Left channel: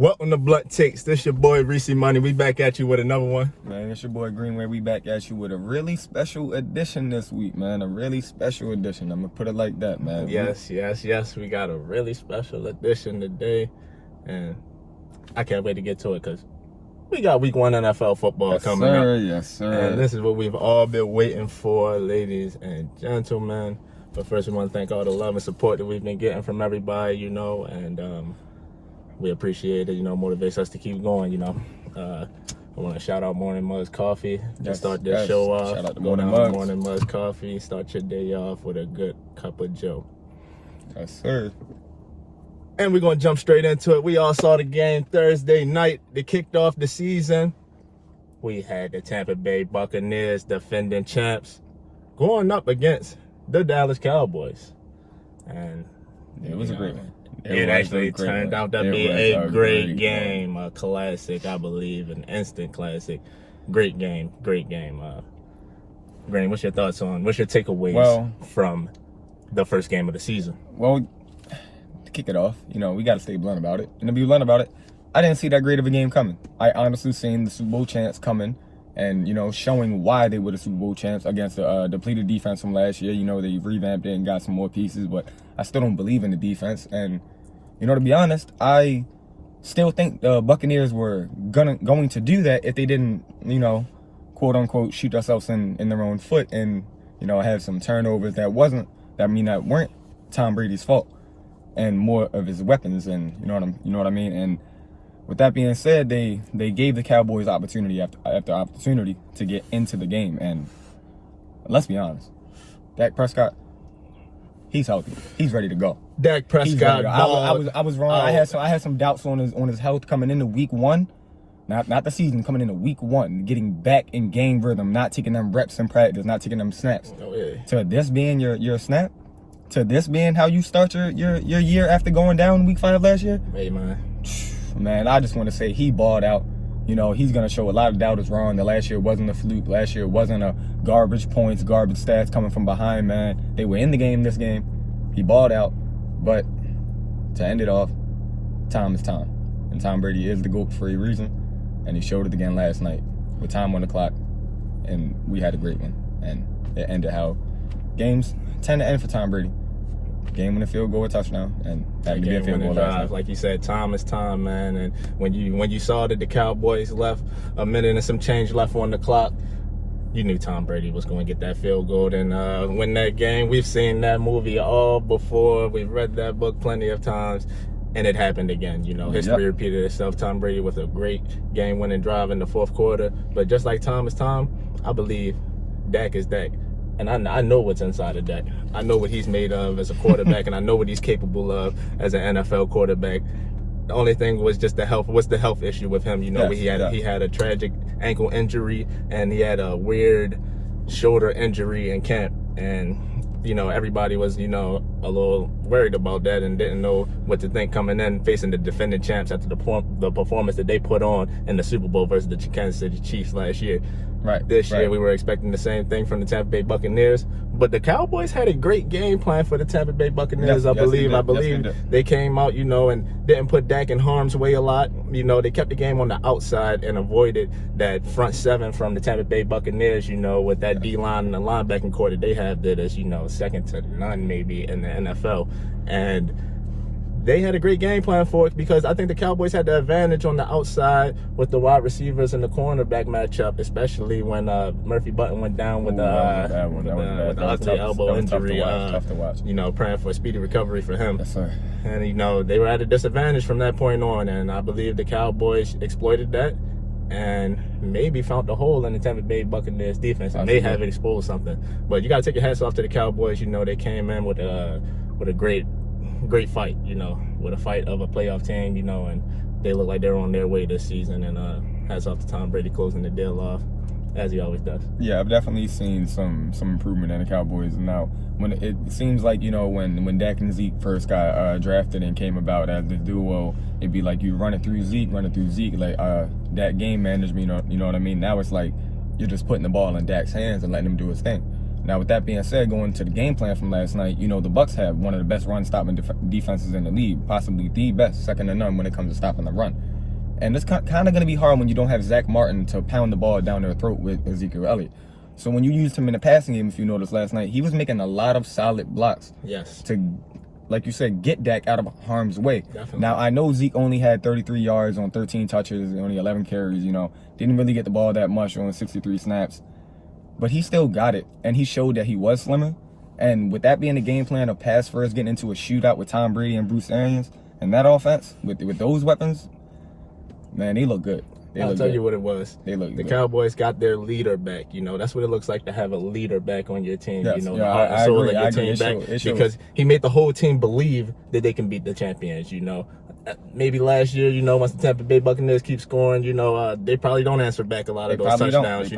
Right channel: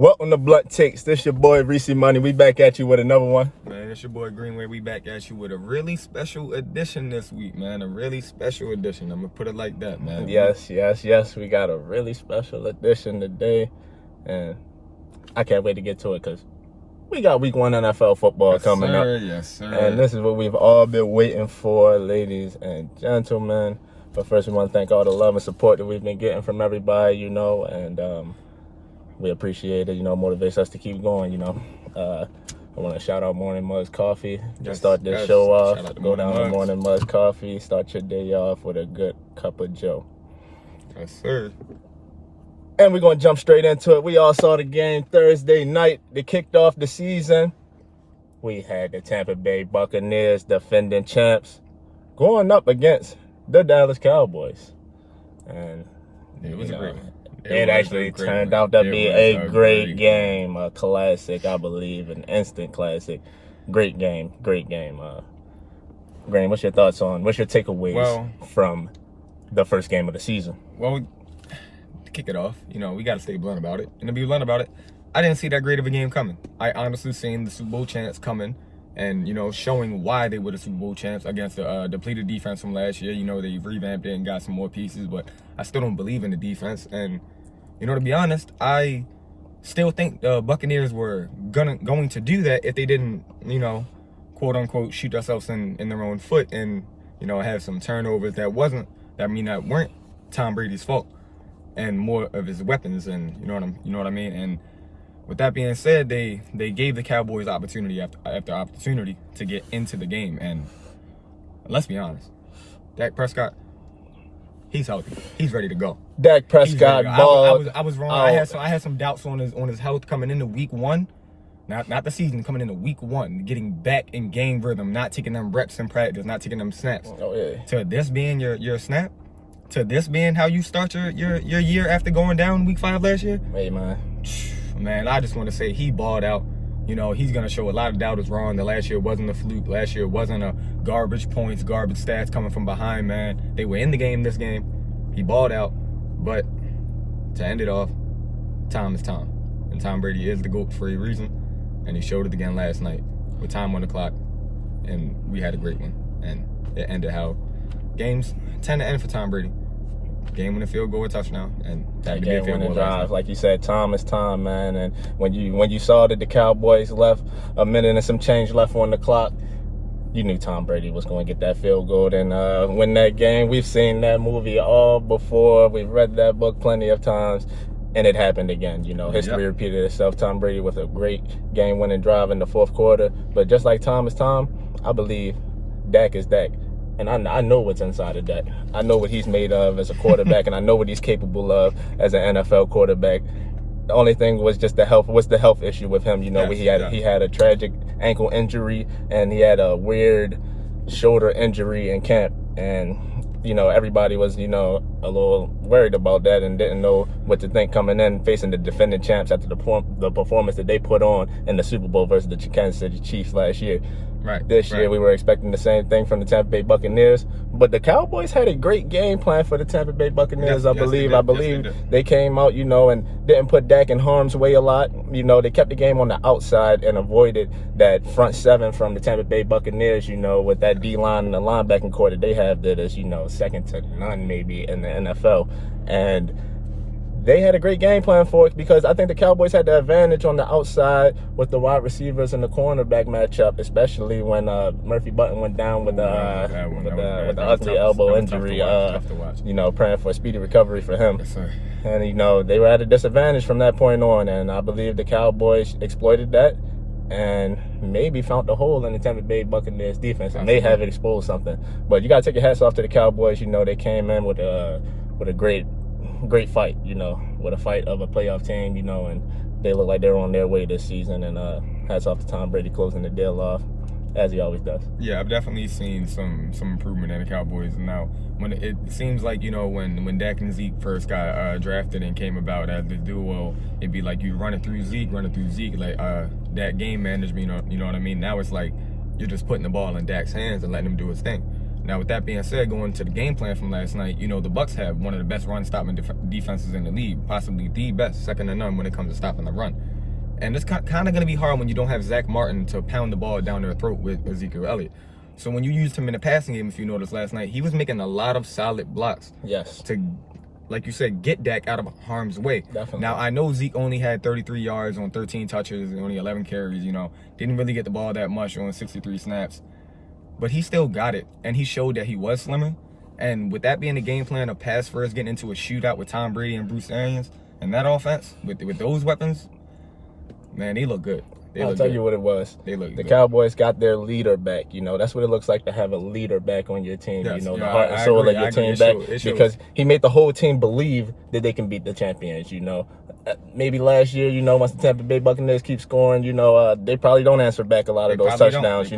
Welcome to Blunt Takes. This your boy ReeceMoney. We back at you with another one. Man, it's your boy Greenway. We back at you with a really special edition this week, man. A really special edition. I'm gonna put it like that, man. Yes. We got a really special edition today, and I can't wait to get to it because we got Week 1 NFL football coming up. Yes, sir. And this is what we've all been waiting for, ladies and gentlemen. But first, we want to thank all the love and support that we've been getting from everybody, and we appreciate it, motivates us to keep going, I want to shout out Morning Muzz Coffee to start this show off. Shout out to Go down Muzz. to Morning Muzz Coffee, start your day off with a good cup of joe. Yes, sir. And we're going to jump straight into it. We all saw the game Thursday night. They kicked off the season. We had the Tampa Bay Buccaneers, defending champs, going up against the Dallas Cowboys. And it was a great one. It actually turned out to be a great game, a classic, I believe, an instant classic. Great game. Graham, what's your takeaways from the first game of the season? Well, to kick it off, we got to stay blunt about it. And to be blunt about it, I didn't see that great of a game coming. I honestly seen the Super Bowl champs coming and, showing why they were the Super Bowl champs against the depleted defense from last year. They revamped it and got some more pieces, but I still don't believe in the defense. And, to be honest, I still think the Buccaneers were going to do that if they didn't, quote unquote, shoot themselves in their own foot and, have some turnovers that weren't Tom Brady's fault and more of his weapons. And you know what I mean? And with that being said, they gave the Cowboys opportunity after opportunity to get into the game. And let's be honest, Dak Prescott, he's healthy. He's ready to go. Dak Prescott balled. I was wrong. I had some doubts on his health coming into Week 1. Not the season, coming into Week 1, getting back in game rhythm, not taking them reps in practice, not taking them snaps. Oh, yeah. To this being your snap, to this being how you start your year after going down Week 5 last year. Hey, Man, I just want to say he balled out. He's going to show a lot of doubters wrong. The last year wasn't a fluke. Last year wasn't a garbage points, garbage stats coming from behind, man. They were in the game this game. He balled out. But to end it off, time is time. And Tom Brady is the GOAT for a reason. And he showed it again last night with time on the clock. And we had a great one. And it ended how games tend to end for Tom Brady. Game winning field goal, a touchdown, and that game winning drive. Like you said, time is time, man. And when you saw that the Cowboys left a minute and some change left on the clock, you knew Tom Brady was going to get that field goal and win that game. We've seen that movie all before. We've read that book plenty of times, and it happened again. History repeated itself. Tom Brady with a great game-winning drive in the fourth quarter. But just like time is time, I believe Dak is Dak. And I know what's inside of Dak. I know what he's made of as a quarterback, and I know what he's capable of as an NFL quarterback. The only thing was just the health issue with him. He had a tragic ankle injury, and he had a weird shoulder injury in camp. And, everybody was, a little worried about that and didn't know what to think coming in, facing the defending champs after the performance that they put on in the Super Bowl versus the Kansas City Chiefs last year. This year, we were expecting the same thing from the Tampa Bay Buccaneers, but the Cowboys had a great game plan for the Tampa Bay Buccaneers. I believe they came out, and didn't put Dak in harm's way a lot. They kept the game on the outside and avoided that front seven from the Tampa Bay Buccaneers. With that D-line and the linebacking core that they have, that is, second to none maybe in the NFL, and they had a great game plan for it because I think the Cowboys had the advantage on the outside with the wide receivers and the cornerback matchup, especially when Murphy Button went down with the ugly elbow injury. Praying for a speedy recovery for him. Yes, sir. And, they were at a disadvantage from that point on, and I believe the Cowboys exploited that and maybe found the hole in the Tampa Bay Buccaneers defense and may have exposed something. But you got to take your hats off to the Cowboys. They came in with a great fight, with a fight of a playoff team, and they look like they're on their way this season. And hats off to Tom Brady closing the deal off, as he always does. Yeah, I've definitely seen some improvement in the Cauboys. Now, when it seems like, when Dak and Zeke first got drafted and came about as the duo, it'd be like you run it through Zeke, like that game management, you know what I mean? Now it's like you're just putting the ball in Dak's hands and letting him do his thing. Now, with that being said, going to the game plan from last night, the Bucs have one of the best run-stopping defenses in the league, possibly the best, second to none when it comes to stopping the run. And it's kind of going to be hard when you don't have Zach Martin to pound the ball down their throat with Ezekiel Elliott. So when you used him in the passing game, if you noticed last night, he was making a lot of solid blocks. Yes. To, like you said, get Dak out of harm's way. Definitely. Now, I know Zeke only had 33 yards on 13 touches and only 11 carries, Didn't really get the ball that much on 63 snaps. But he still got it, and he showed that he was slimmer. And with that being the game plan of pass first, getting into a shootout with Tom Brady and Bruce Arians, and that offense, with those weapons, man, they look good. I'll tell you what it was. They look the good. Cowboys got their leader back. That's what it looks like to have a leader back on your team. Yes. The heart and soul of your team back. Because he made the whole team believe that they can beat the champions. Maybe last year, once the Tampa Bay Buccaneers keep scoring, they probably don't answer back a lot of those touchdowns.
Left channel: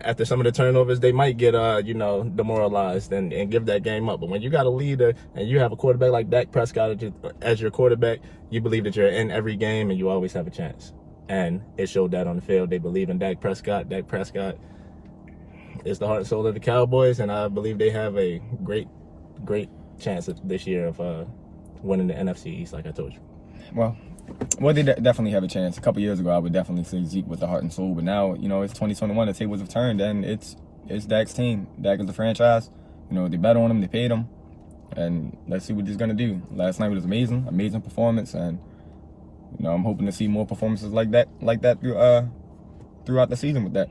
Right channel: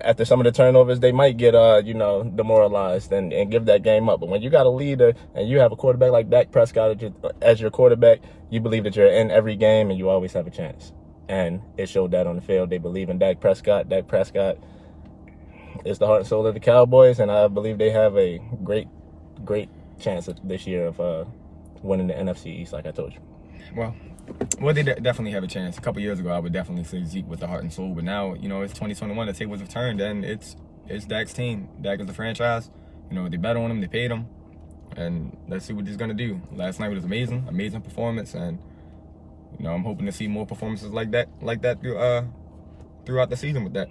After some of the turnovers, they might get demoralized and give that game up. But when you got a leader and you have a quarterback like Dak Prescott as your quarterback, you believe that you're in every game and you always have a chance. And it showed that on the field. They believe in Dak Prescott. Dak Prescott is the heart and soul of the Cowboys, and I believe they have a great chance this year of winning the NFC East, like I told you. Well, they definitely have a chance. A couple years ago, I would definitely say Zeke was the heart and soul, but now, it's 2021. The tables have turned, and it's Dak's team. Dak is the franchise. They bet on him, they paid him, and let's see what he's gonna do. Last night was amazing performance, and I'm hoping to see more performances like that throughout the season with that.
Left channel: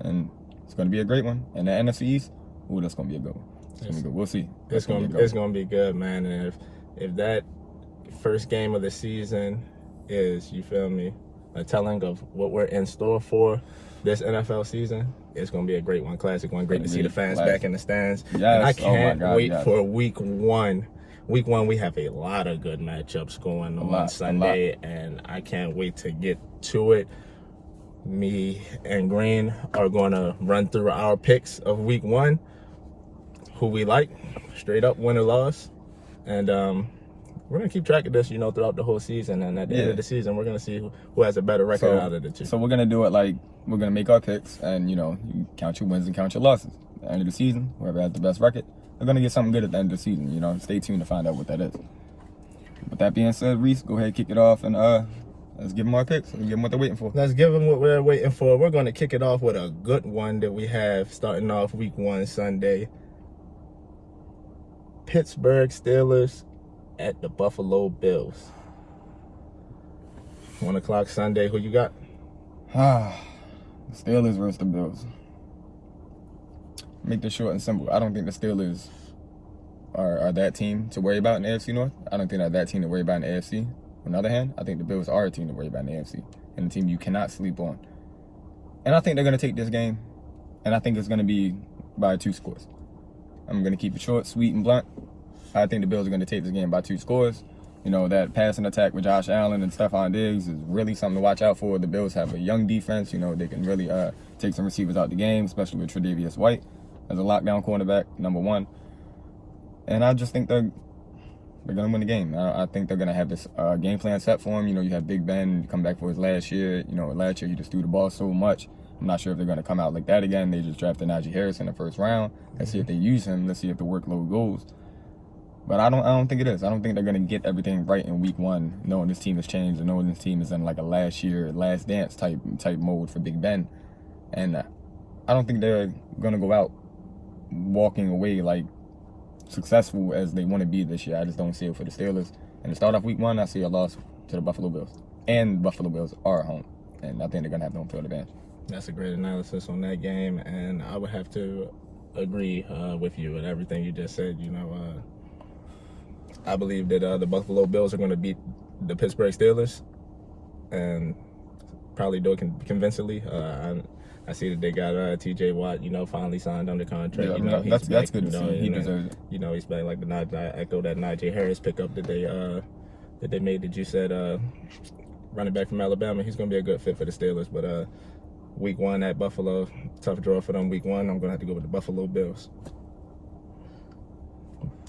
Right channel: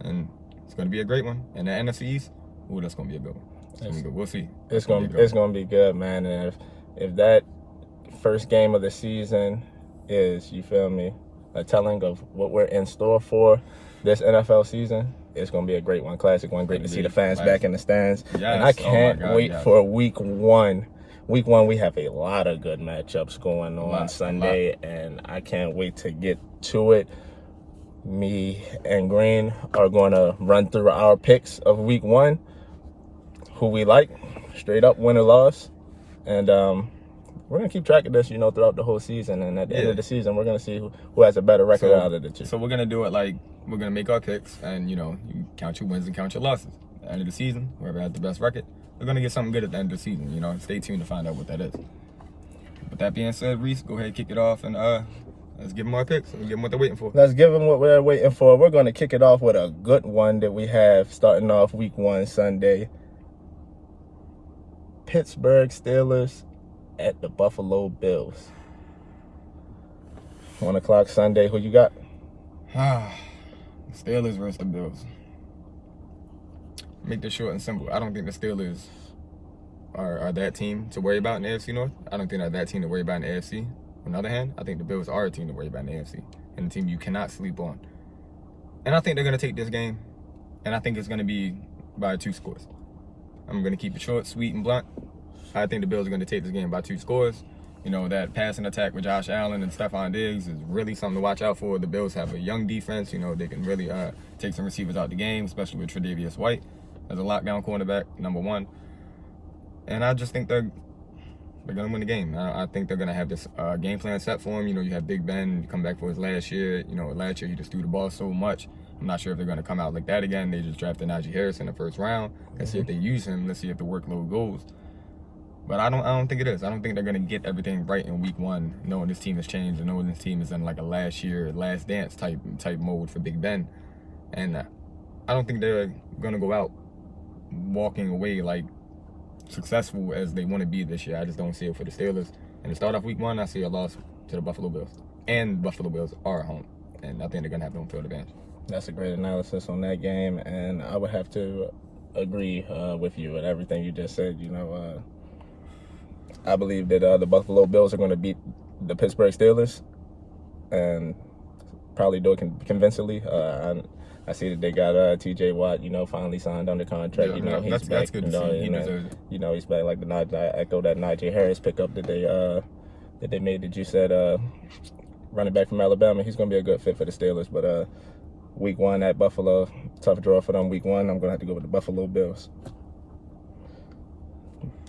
And it's gonna be a great one. And the NFC East, that's gonna be a good one. It's gonna be good. We'll see. It's gonna be good, man. And if that first game of the season is, you feel me, a telling of what we're in store for this NFL season, it's going to be a great one, classic one. Great to see the fans back in the stands. Yes. And I can't wait for week one. Week one, we have a lot of good matchups going on Sunday, and I can't wait to get to it. Me and Green are going to run through our picks of week one, who we like, straight up win or loss. And we're going to keep track of this, throughout the whole season. And at the end of the season, we're going to see who has a better record out of the two. So we're going to do it like we're going to make our picks and, you count your wins and count your losses. At the end of the season, whoever has the best record, we're going to get something good at the end of the season. Stay tuned to find out what that is. With that being said, Reece, go ahead, kick it off, and let's give them our picks. Let's give them what they're waiting for. Let's give them what we're waiting for. We're going to kick it off with a good one that we have starting off week one Sunday. Pittsburgh Steelers at the Buffalo Bills. 1 o'clock Sunday. Who you got? Steelers versus the Bills. Make this short and simple. I don't think the Steelers are that team to worry about in the AFC North. I don't think they're that team to worry about in the AFC. On the other hand, I think the Bills are a team to worry about in the AFC, and a team you cannot sleep on. And I think they're going to take this game, and I think it's going to be by 2 scores. I'm going to keep it short, sweet, and blunt. I think the Bills are going to take this game by 2 scores. That passing attack with Josh Allen and Stephon Diggs is really something to watch out for. The Bills have a young defense. They can really take some receivers out the game, especially with Tre'Davious White as a lockdown cornerback, number 1. And I just think they're going to win the game. I think they're going to have this game plan set for him. You have Big Ben come back for his last year. Last year he just threw the ball so much. I'm not sure if they're going to come out like that again. They just drafted Najee Harris in the first round. Let's see if they use him. Let's see if the workload goes. But I don't think it is. I don't think they're going to get everything right in week one, knowing this team has changed and knowing this team is in like a last dance type mode for Big Ben. And I don't think they're going to go out walking away like successful as they want to be this year. I just don't see it for the Steelers. And to start off week one, I see a loss to the Buffalo Bills. And Buffalo Bills are at home. And I think they're going to have the home field advantage. That's a great analysis on that game. And I would have to agree with you and everything you just said. I believe that the Buffalo Bills are going to beat the Pittsburgh Steelers and probably do it convincingly. I see that they got T.J. Watt, finally signed under contract. Yeah, he's back. That's good to see. He deserves it. He's back. Like I echo that Najee Harris pickup that they made. That you said running back from Alabama. He's going to be a good fit for the Steelers. But week one at Buffalo, tough draw for them. Week one, I'm going to have to go with the Buffalo Bills.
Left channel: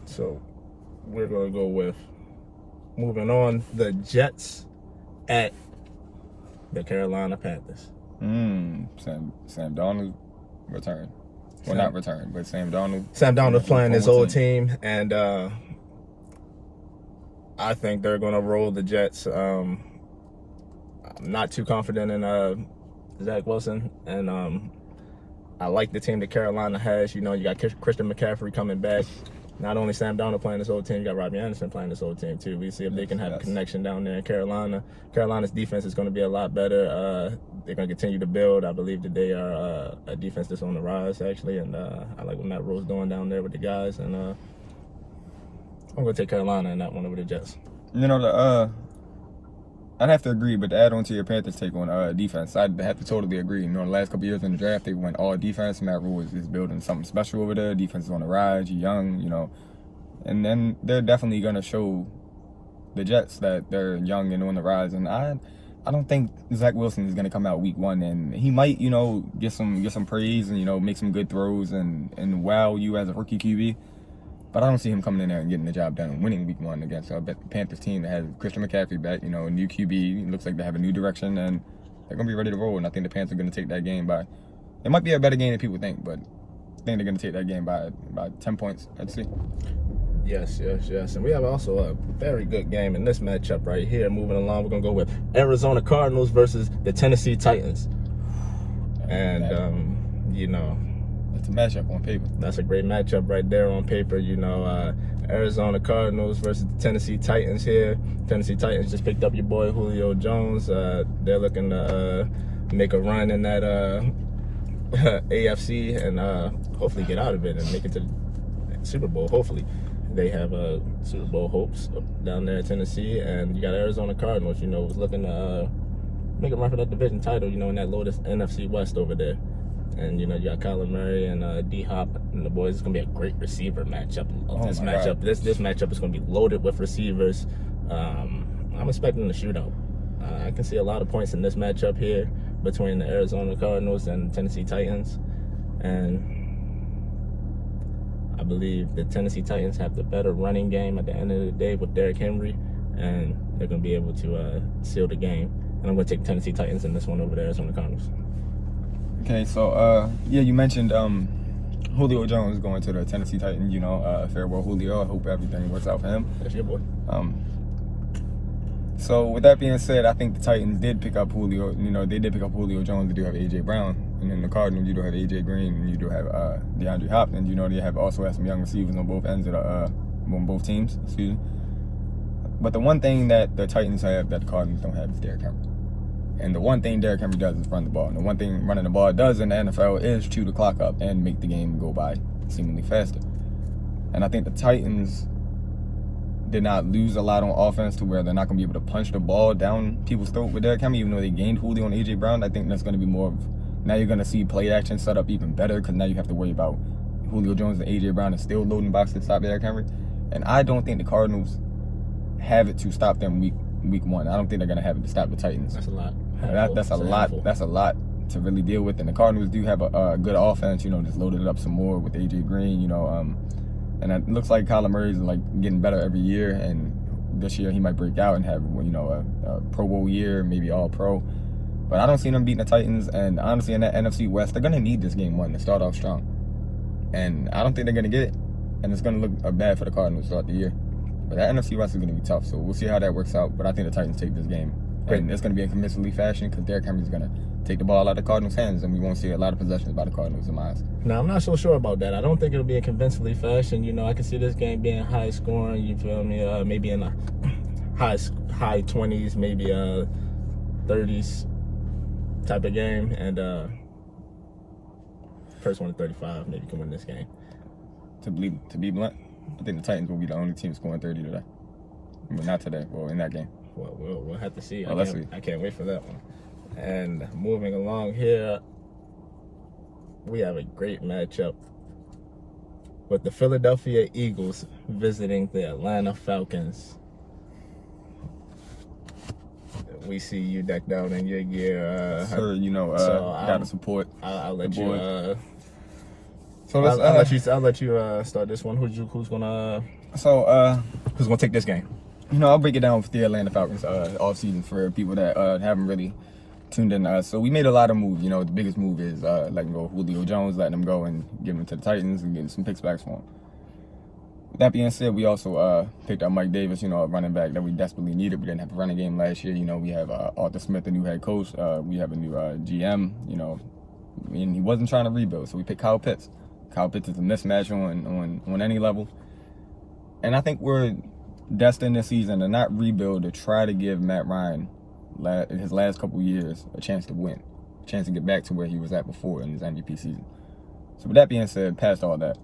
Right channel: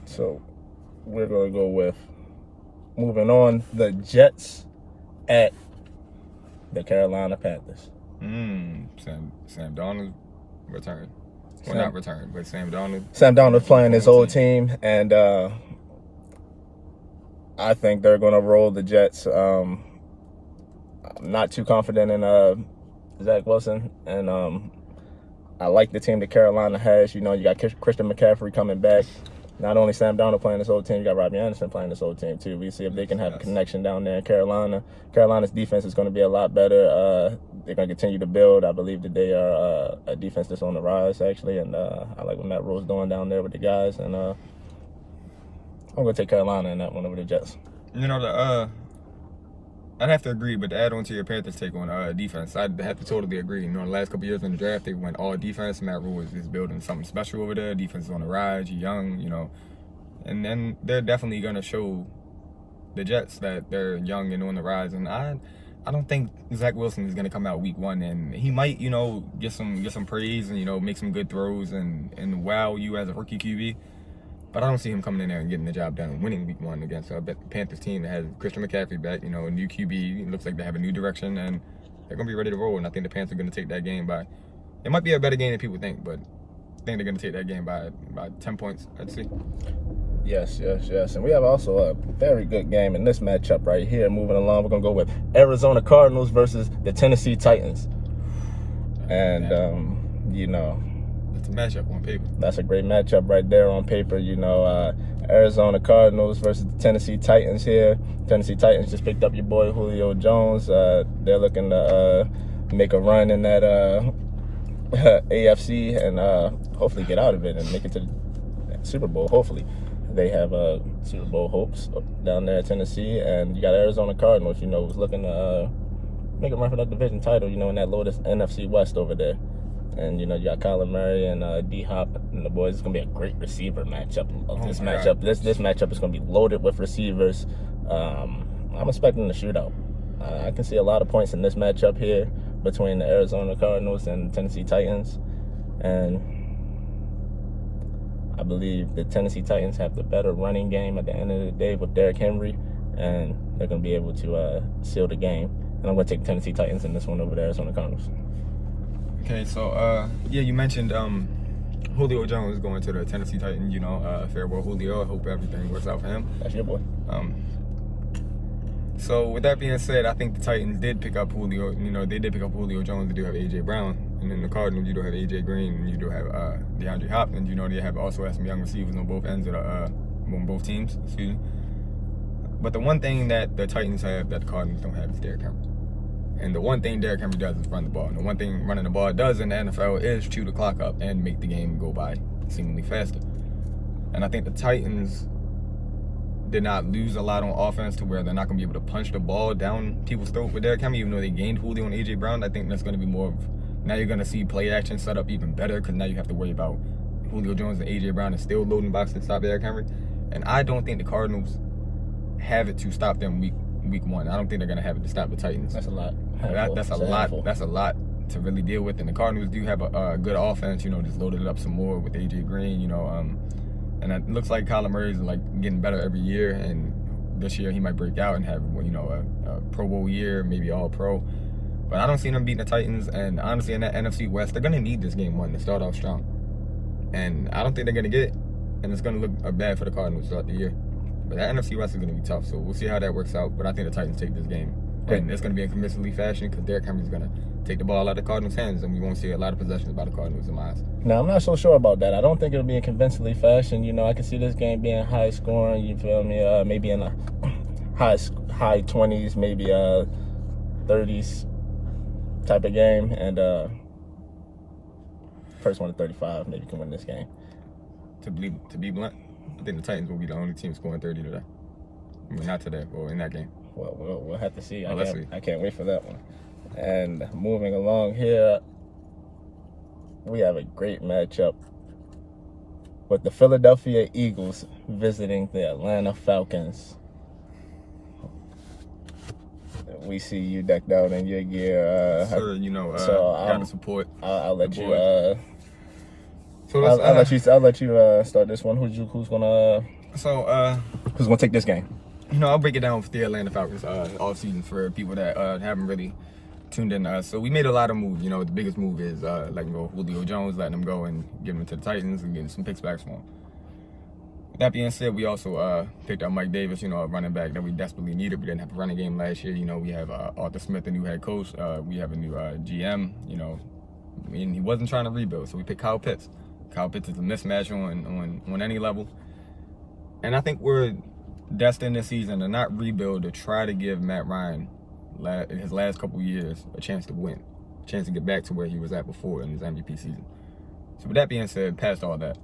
So we're going to go with, moving on, the Jets at the Carolina Panthers. Sam Darnold returned. Well, not returned, but Sam Darnold. Sam Darnold playing his old team, and I think they're going to roll the Jets. I'm not too confident in Zach Wilson, and I like the team that Carolina has. You know, you got Christian McCaffrey coming back. Not only Sam Darnold playing this whole team, you got Robbie Anderson playing this whole team too. We see if they can have a connection down there in Carolina. Carolina's defense is going to be a lot better. They're going to continue to build. I believe that they are a defense that's on the rise, actually, and I like what Matt Rule's doing down there with the guys. And I'm going to take Carolina in that one over the Jets. You know, I'd have to agree, but to add on to your Panthers take on defense, I'd have to totally agree. You know, the last couple years in the draft, they went all defense. Matt Rule is building something special over there. Defense is on the rise, young, you know. And then they're definitely going to show the Jets that they're young and on the rise. And I don't think Zach Wilson is going to come out week one. And he might, you know, get some praise and, you know, make some good throws and wow you as a rookie QB. But I don't see him coming in there and getting the job done and winning week one against a Panthers team that has Christian McCaffrey back, you know, a new QB. It looks like they have a new direction, and they're going to be ready to roll. And I think the Panthers are going to take that game by – it might be a better game than people think, but I think they're going to take that game by 10 points, I'd say. Yes. And we have also a very good game in this matchup right here. Moving along, we're going to go with Arizona Cardinals versus the Tennessee Titans. And, you know – matchup on paper. That's a great matchup right there on paper. You know, Arizona Cardinals versus the Tennessee Titans here. Tennessee Titans just picked up your boy Julio Jones. They're looking to make a run in that AFC and hopefully get out of it and make it to the Super Bowl. Hopefully. They have Super Bowl hopes down there in Tennessee. And you got Arizona Cardinals, you know, was looking to make a run for that division title, you know, in that loaded NFC West over there. And, you know, you got Kyler Murray and D-Hop and the boys. It's going to be a great receiver matchup. This matchup is going to be loaded with receivers. I'm expecting a shootout. I can see a lot of points in this matchup here between the Arizona Cardinals and Tennessee Titans. And I believe the Tennessee Titans have the better running game at the end of the day with Derrick Henry. And they're going to be able to seal the game. And I'm going to take the Tennessee Titans in this one over the Arizona Cardinals. Okay, so, yeah, you mentioned Julio Jones going to the Tennessee Titans, you know, farewell Julio. I hope everything works out for him. That's your boy. So, with that being said, I think the Titans did pick up Julio. You know, they did pick up Julio Jones. They do have A.J. Brown. And then the Cardinals, you do have A.J. Green. And you do have DeAndre Hopkins. You know, they have also some young receivers on both ends of on both teams. Excuse me. But the one thing that the Titans have that the Cardinals don't have is Derrick Henry. And the one thing Derrick Henry does is run the ball. And the one thing running the ball does in the NFL is chew the clock up and make the game go by seemingly faster. And I think the Titans did not lose a lot on offense to where they're not going to be able to punch the ball down people's throat with Derrick Henry, even though they gained Julio and A.J. Brown. I think that's going to be more of, now you're going to see play action set up even better because now you have to worry about Julio Jones and A.J. Brown and still loading boxes to stop Derrick Henry. And I don't think the Cardinals have it to stop them week one. I don't think they're going to have it to stop the Titans. That's a lot. That's a lot. That's a lot to really deal with. And the Cardinals do have a good offense. You know, just loaded it up some more with A.J. Green. You know, and it looks like Kyler Murray is like getting better every year. And this year he might break out and have, you know, a Pro Bowl year, maybe All Pro. But I don't see them beating the Titans. And honestly, in that NFC West, they're gonna need this game one to start off strong. And I don't think they're gonna get it. And it's gonna look bad for the Cardinals throughout the year. But that NFC West is gonna be tough. So we'll see how that works out. But I think the Titans take this game. And it's going to be in convincingly fashion because Derrick Henry is going to take the ball out of the Cardinals' hands, and we won't see a lot of possessions by the Cardinals in my eyes. No, I'm not so sure about that. I don't think it'll be in convincingly fashion. You know, I can see this game being high scoring. You feel me? Maybe in a high 20s, maybe 30s type of game, and first one to 35 maybe can win this game. To be blunt, I think the Titans will be the only team scoring 30 today. Well, not today, or in that game. Well, we'll have to see. Let's see. I can't wait for that one. And moving along here, we have a great matchup with the Philadelphia Eagles visiting the Atlanta Falcons. We see you decked out in your gear. Sir, you know, gotta support. I'll let you. So I'll let you start this one. Who's gonna take this game? You know, I'll break it down for the Atlanta Falcons off season for people that haven't really tuned in. So we made a lot of moves. You know, the biggest move is letting go Julio Jones, letting him go and giving him to the Titans and getting some picks back for him. That being said, we also picked up Mike Davis, a running back that we desperately needed. We didn't have a running game last year. We have Arthur Smith, the new head coach. We have a new GM, and he wasn't trying to rebuild, so we picked Kyle Pitts. Kyle Pitts is a mismatch on any level. And I think we're destined this season to not rebuild, to try to give Matt Ryan, in his last couple years, a chance to win, a chance to get back to where he was at before in his MVP season. So with that being said, past all that,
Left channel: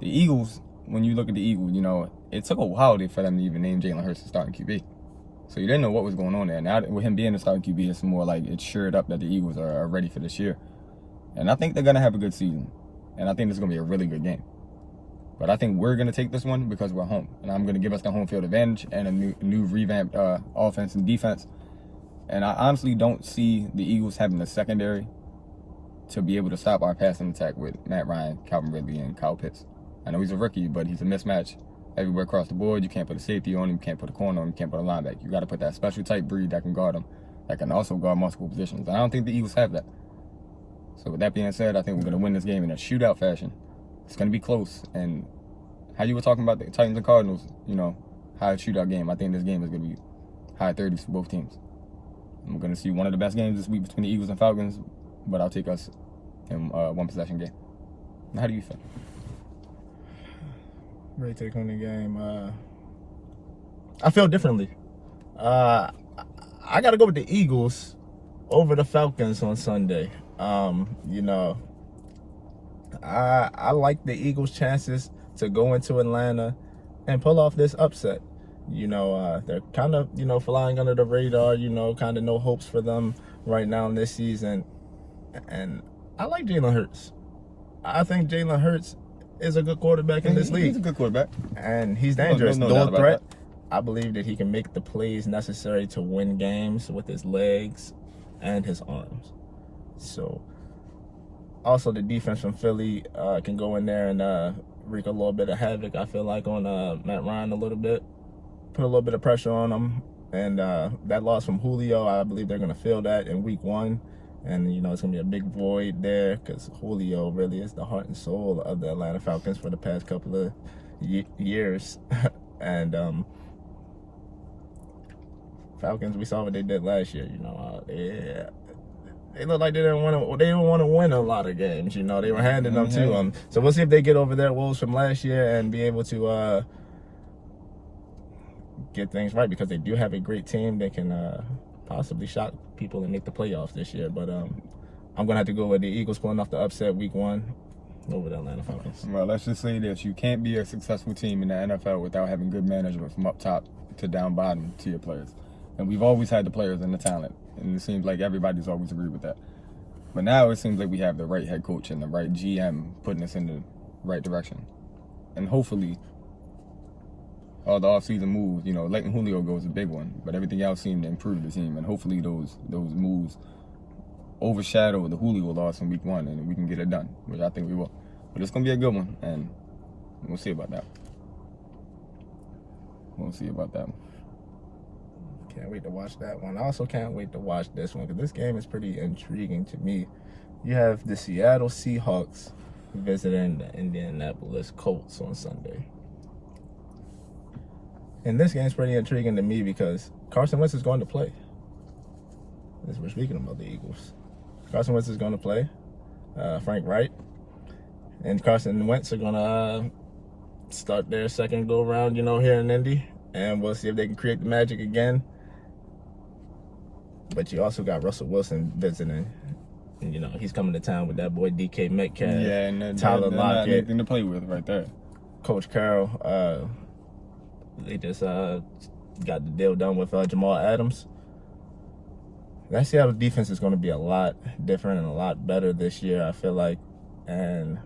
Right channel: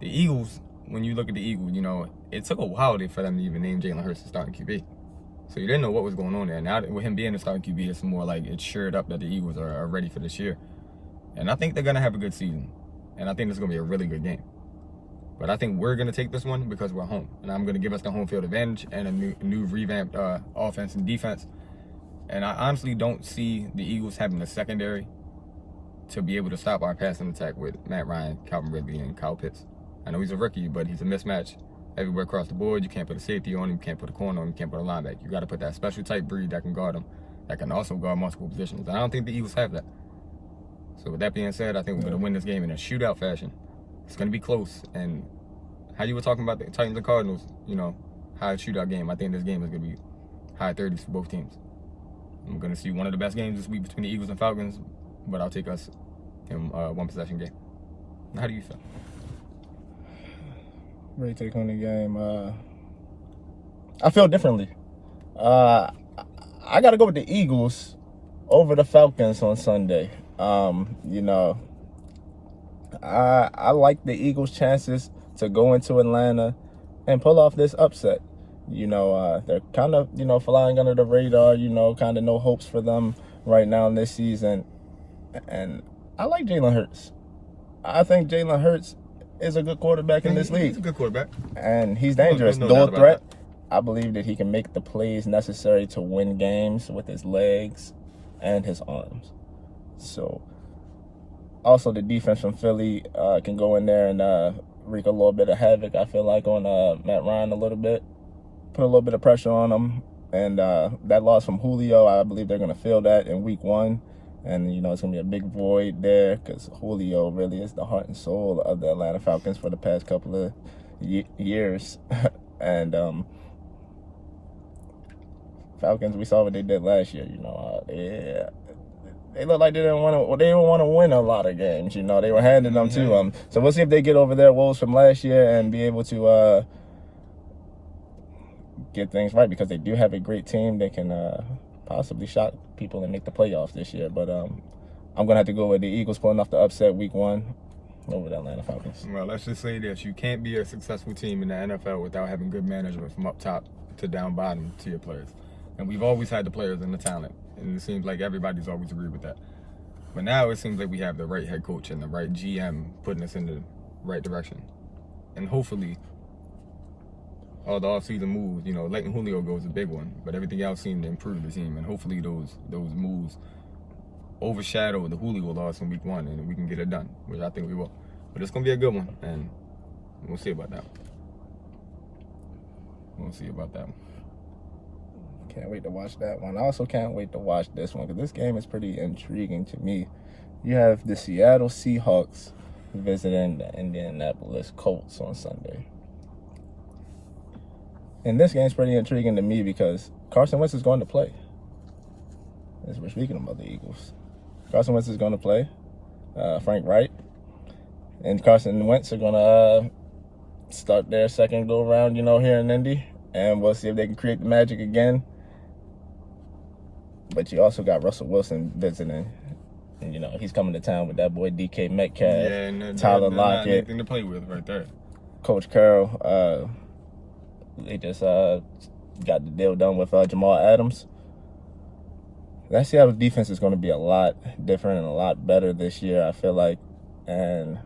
the Eagles, when you look at the Eagles, it took a while for them to even name Jalen Hurts the starting QB. So you didn't know what was going on there. Now, with him being the starting QB, it's more like it's shored up that the Eagles are ready for this year. And I think they're going to have a good season. And I think it's going to be a really good game. But I think we're going to take this one because we're home. And I'm going to give us the home field advantage and a new revamped offense and defense. And I honestly don't see the Eagles having the secondary to be able to stop our passing attack with Matt Ryan, Calvin Ridley, and Kyle Pitts. I know he's a rookie, but he's a mismatch everywhere across the board. You can't put a safety on him, you can't put a corner on him, you can't put a linebacker. You got to put that special type breed that can guard him, that can also guard multiple positions. And I don't think the Eagles have that. So with that being said, I think we're going to win this game in a shootout fashion. It's going to be close. And how you were talking about the Titans and Cardinals, high shootout game, I think this game is going to be high 30s for both teams. I'm going to see one of the best games this week between the Eagles and Falcons, but I'll take us in one possession game. How do you feel? Great take on the game. I feel differently. I got to go with the Eagles over the Falcons on Sunday. I like the Eagles' chances to go into Atlanta and pull off this upset. They're kind of, flying under the radar, kind of no hopes for them right now in this season. And I like Jalen Hurts. I think Jalen Hurts is a good quarterback in this league. He's a good quarterback. And he's dangerous. No Dual doubt threat. I believe that he can make the plays necessary to win games with his legs and his arms. So, also the defense from Philly can go in there and wreak a little bit of havoc, I feel like, on Matt Ryan a little bit. Put a little bit of pressure on him. And that loss from Julio, I believe they're going to feel that in week 1. And, it's going to be a big void there because Julio really is the heart and soul of the Atlanta Falcons for the past couple of years. And Falcons, we saw what they did last year. They looked like they didn't want to win a lot of games. They were handing them to them. So we'll see if they get over their woes from last year and be able to get things right, because they do have a great team. They can possibly shock people and make the playoffs this year. But I'm going to have to go with the Eagles pulling off the upset week 1 over the Atlanta Falcons. Well, let's just say this. You can't be a successful team in the NFL without having good management from up top to down bottom to your players. And we've always had the players and the talent. And it seems like everybody's always agreed with that. But now it seems like we have the right head coach and the right GM putting us in the right direction. And hopefully, all the offseason moves, letting Julio go is a big one, but everything else seemed to improve the team. And hopefully those moves overshadow the Julio loss in week 1 and we can get it done, which I think we will. But it's going to be a good one, and we'll see about that one. Can't wait to watch that one. I also can't wait to watch this one because this game is pretty intriguing to me. You have the Seattle Seahawks visiting the Indianapolis Colts on Sunday. And this game's pretty intriguing to me because Carson Wentz is going to play. As we're speaking about the Eagles. Carson Wentz is going to play. Frank Wright and Carson Wentz are going to start their second go-around, here in Indy. And we'll see if they can create the magic again. But you also got Russell Wilson visiting. And, he's coming to town with that boy DK Metcalf. Yeah, and Tyler Lockett. Not anything to play with right there. Coach Carroll. They just got the deal done with Jamal Adams. That Seattle defense is going to be a lot different and a lot better this year, I feel like. And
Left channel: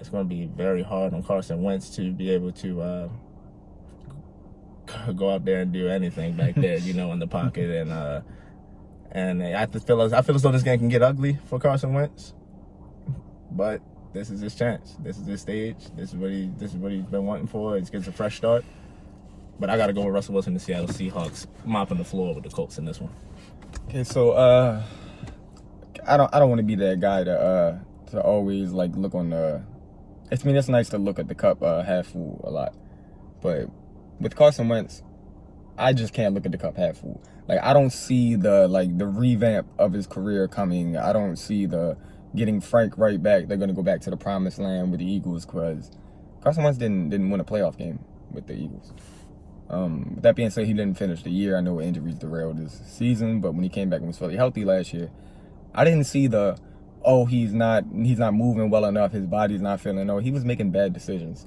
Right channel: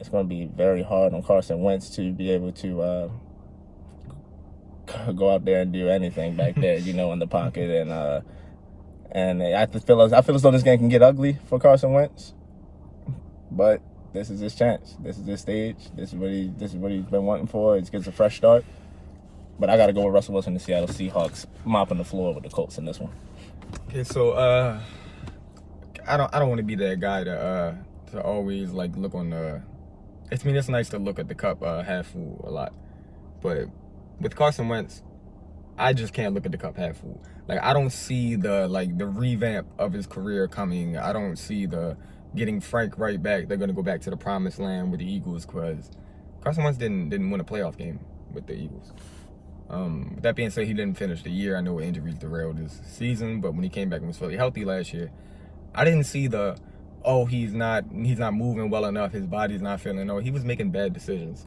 it's going to be very hard on Carson Wentz to be able to go out there and do anything back there, in the pocket. And I feel as though this game can get ugly for Carson Wentz. But this is his chance. This is his stage. This is what he's been wanting for. He gets a fresh start. But I got to go with Russell Wilson and the Seattle Seahawks mopping the floor with the Colts in this one. Okay, so I don't want to be that guy to always look on the. It's nice to look at the cup half full a lot, But with Carson Wentz, I just can't look at the cup half full. Like, I don't see the revamp of his career coming. I don't see the getting Frank right back. They're going to go back to the promised land with the Eagles, because Carson Wentz didn't win a playoff game with the Eagles. With that being said, he didn't finish the year. I know injuries derailed his season, but when he came back and was fairly healthy last year, I didn't see he's not moving well enough, his body's not feeling. No, he was making bad decisions.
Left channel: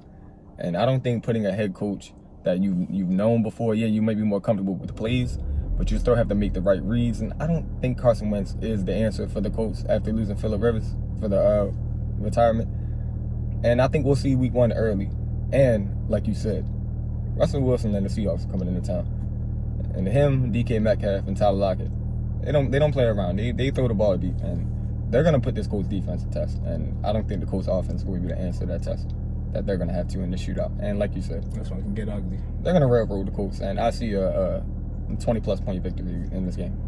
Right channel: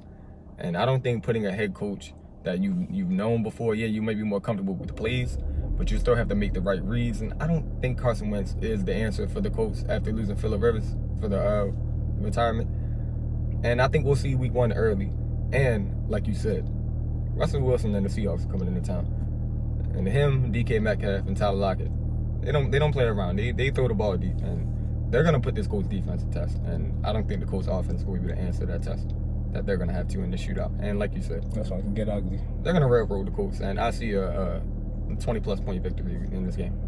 And I don't think putting a head coach that you've known before, yeah, you may be more comfortable with the plays, but you still have to make the right reads. And I don't think Carson Wentz is the answer for the Colts after losing Phillip Rivers for the retirement. And I think we'll see week 1 early. And like you said, Russell Wilson and the Seahawks are coming into town. And him, DK Metcalf, and Tyler Lockett, they don't play around. They throw the ball deep, and they're gonna put this Colts defense to test. And I don't think the Colts offense will be able to answer that test that they're gonna have to in the shootout. And like you said, that's why it can get ugly. They're gonna railroad the Colts, and I see a 20+ point victory in this game.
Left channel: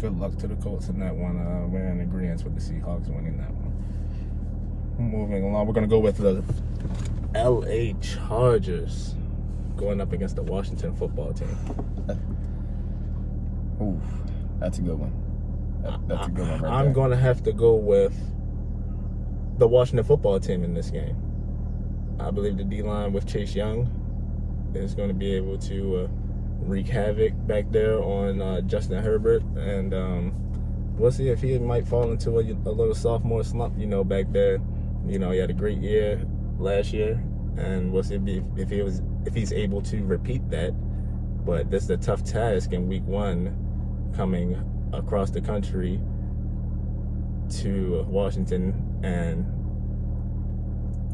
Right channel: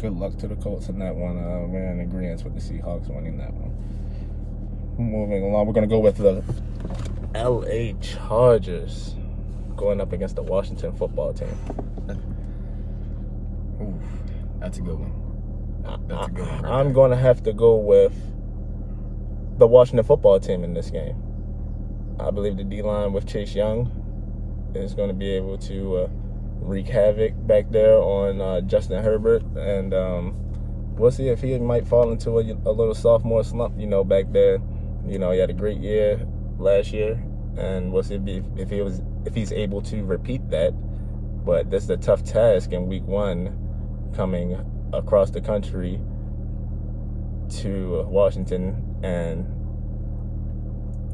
Good luck to the Colts in that one. We're in agreement with the Seahawks winning that one. Moving along, we're gonna go with the LA Chargers going up against the Washington football team. Ooh, that's a good one. That's a good one right I'm there. going to have to go with the Washington football team in this game. I believe the D-line with Chase Young is going to be able to wreak havoc back there on Justin Herbert. And we'll see if he might fall into a little sophomore slump, back there. He had a great year last year. And we'll see if he's able to repeat that. But this is a tough task in week 1, coming across the country to Washington and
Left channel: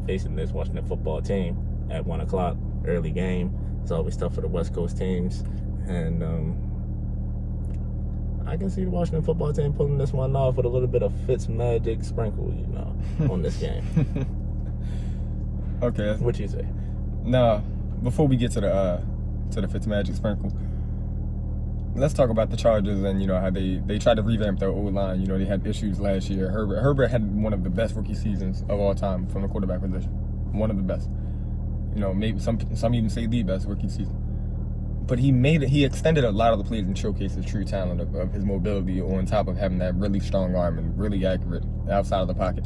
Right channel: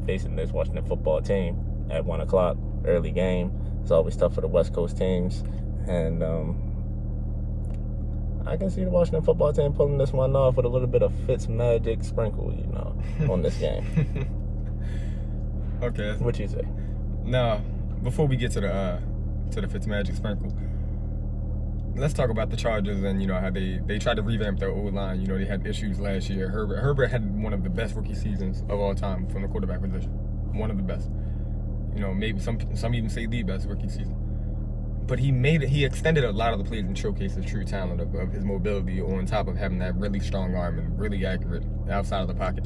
facing this Washington football team at 1 o'clock, early game. It's always tough for the West Coast teams. And I can see the Washington football team pulling this one off with a little bit of Fitzmagic sprinkle, on this game. Okay. What you say? Now, before we get to the Fitzmagic sprinkle, let's talk about the Chargers and how they tried to revamp their O-line. They had issues last year. Herbert had one of the best rookie seasons of all time from the quarterback position. One of the best. Maybe some even say the best rookie season. But he extended a lot of the plays and showcased the true talent of his mobility, on top of having that really strong arm and really accurate outside of the pocket.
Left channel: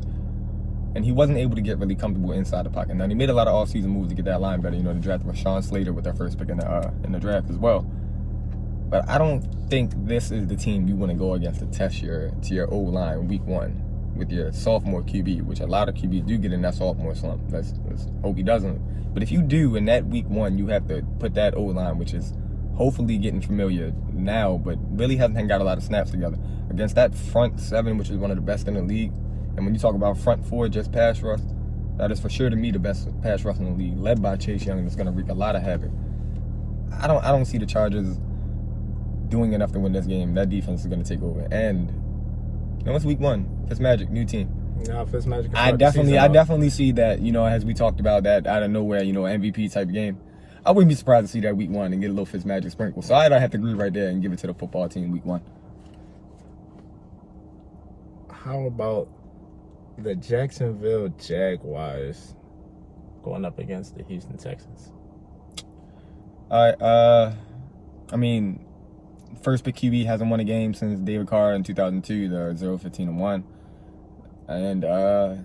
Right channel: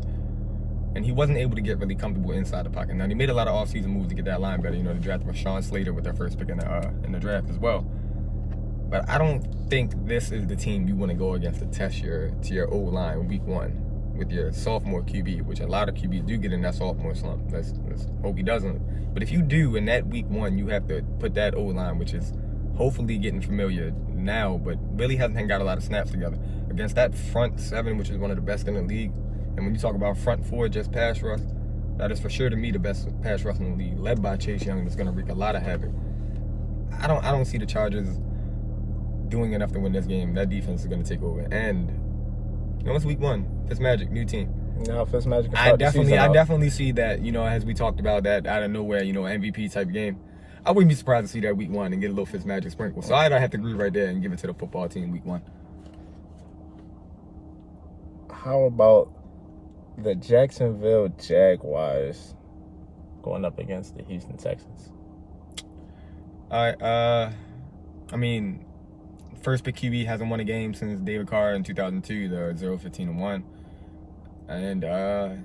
And he wasn't able to get really comfortable inside the pocket. Now, they made a lot of off-season moves to get that line better. They drafted Rashawn Slater with their first pick in the draft as well. But I don't think this is the team you want to go against to test your O-line week 1 with your sophomore QB, which a lot of QBs do get in that sophomore slump. Let's hope he doesn't. But if you do, in that week 1, you have to put that O-line, which is hopefully getting familiar now, but really hasn't got a lot of snaps together, against that front 7, which is one of the best in the league. And when you talk about front 4, just pass rush, that is for sure to me the best pass rush in the league, led by Chase Young. That's going to wreak a lot of havoc. I don't see the Chargers doing enough to win this game. That defense is going to take over. And it's week 1. Fitzmagic, new team. No, Fitzmagic. I definitely see that. As we talked about, that out of nowhere, MVP type game. I wouldn't be surprised to see that week 1 and get a little Fitzmagic sprinkle. So I'd have to agree right there and give it to the football team week 1. How about the Jacksonville Jaguars going up against the Houston Texans? All right. First pick QB hasn't won a game since David Carr in 2002. They're 0-15-1. And the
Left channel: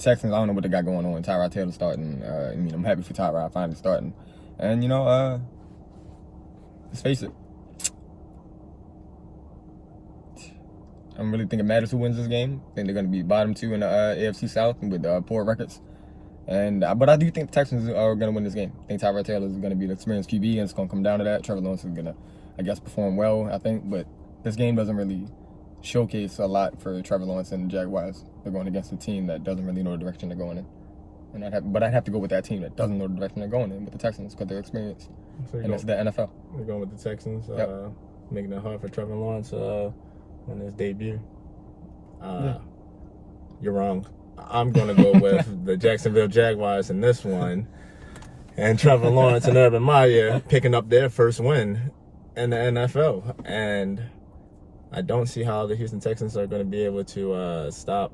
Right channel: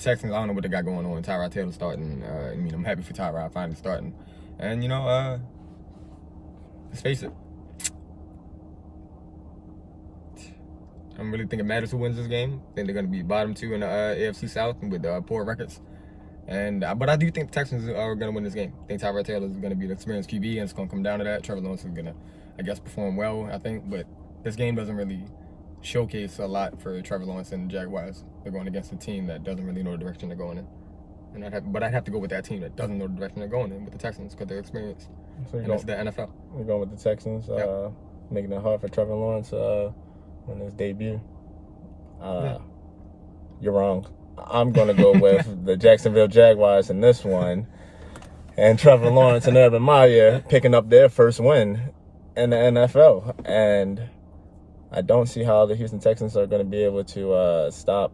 Texans, I don't know what they got going on. Tyrod Taylor starting. I'm happy for Tyrod finally starting. And let's face it, I don't really think it matters who wins this game. I think they're going to be bottom 2 in the AFC South with poor records. But I do think the Texans are going to win this game. I think Tyrod Taylor is going to be the experienced QB, and it's going to come down to that. Trevor Lawrence is going to, perform well, I think. But this game doesn't really showcase a lot for Trevor Lawrence and the Jaguars. They're going against a team that doesn't really know the direction they're going in. But I'd have to go with that team that doesn't know the direction they're going in, with the Texans, because they're experienced. And that's the NFL. We're going with the Texans, yep. Making it hard for Trevor Lawrence on his debut. You're wrong. I'm going to go with the Jacksonville Jaguars in this one. And Trevor Lawrence and Urban Meyer picking up their first win in the NFL. And I don't see how the Houston Texans are going to be able to stop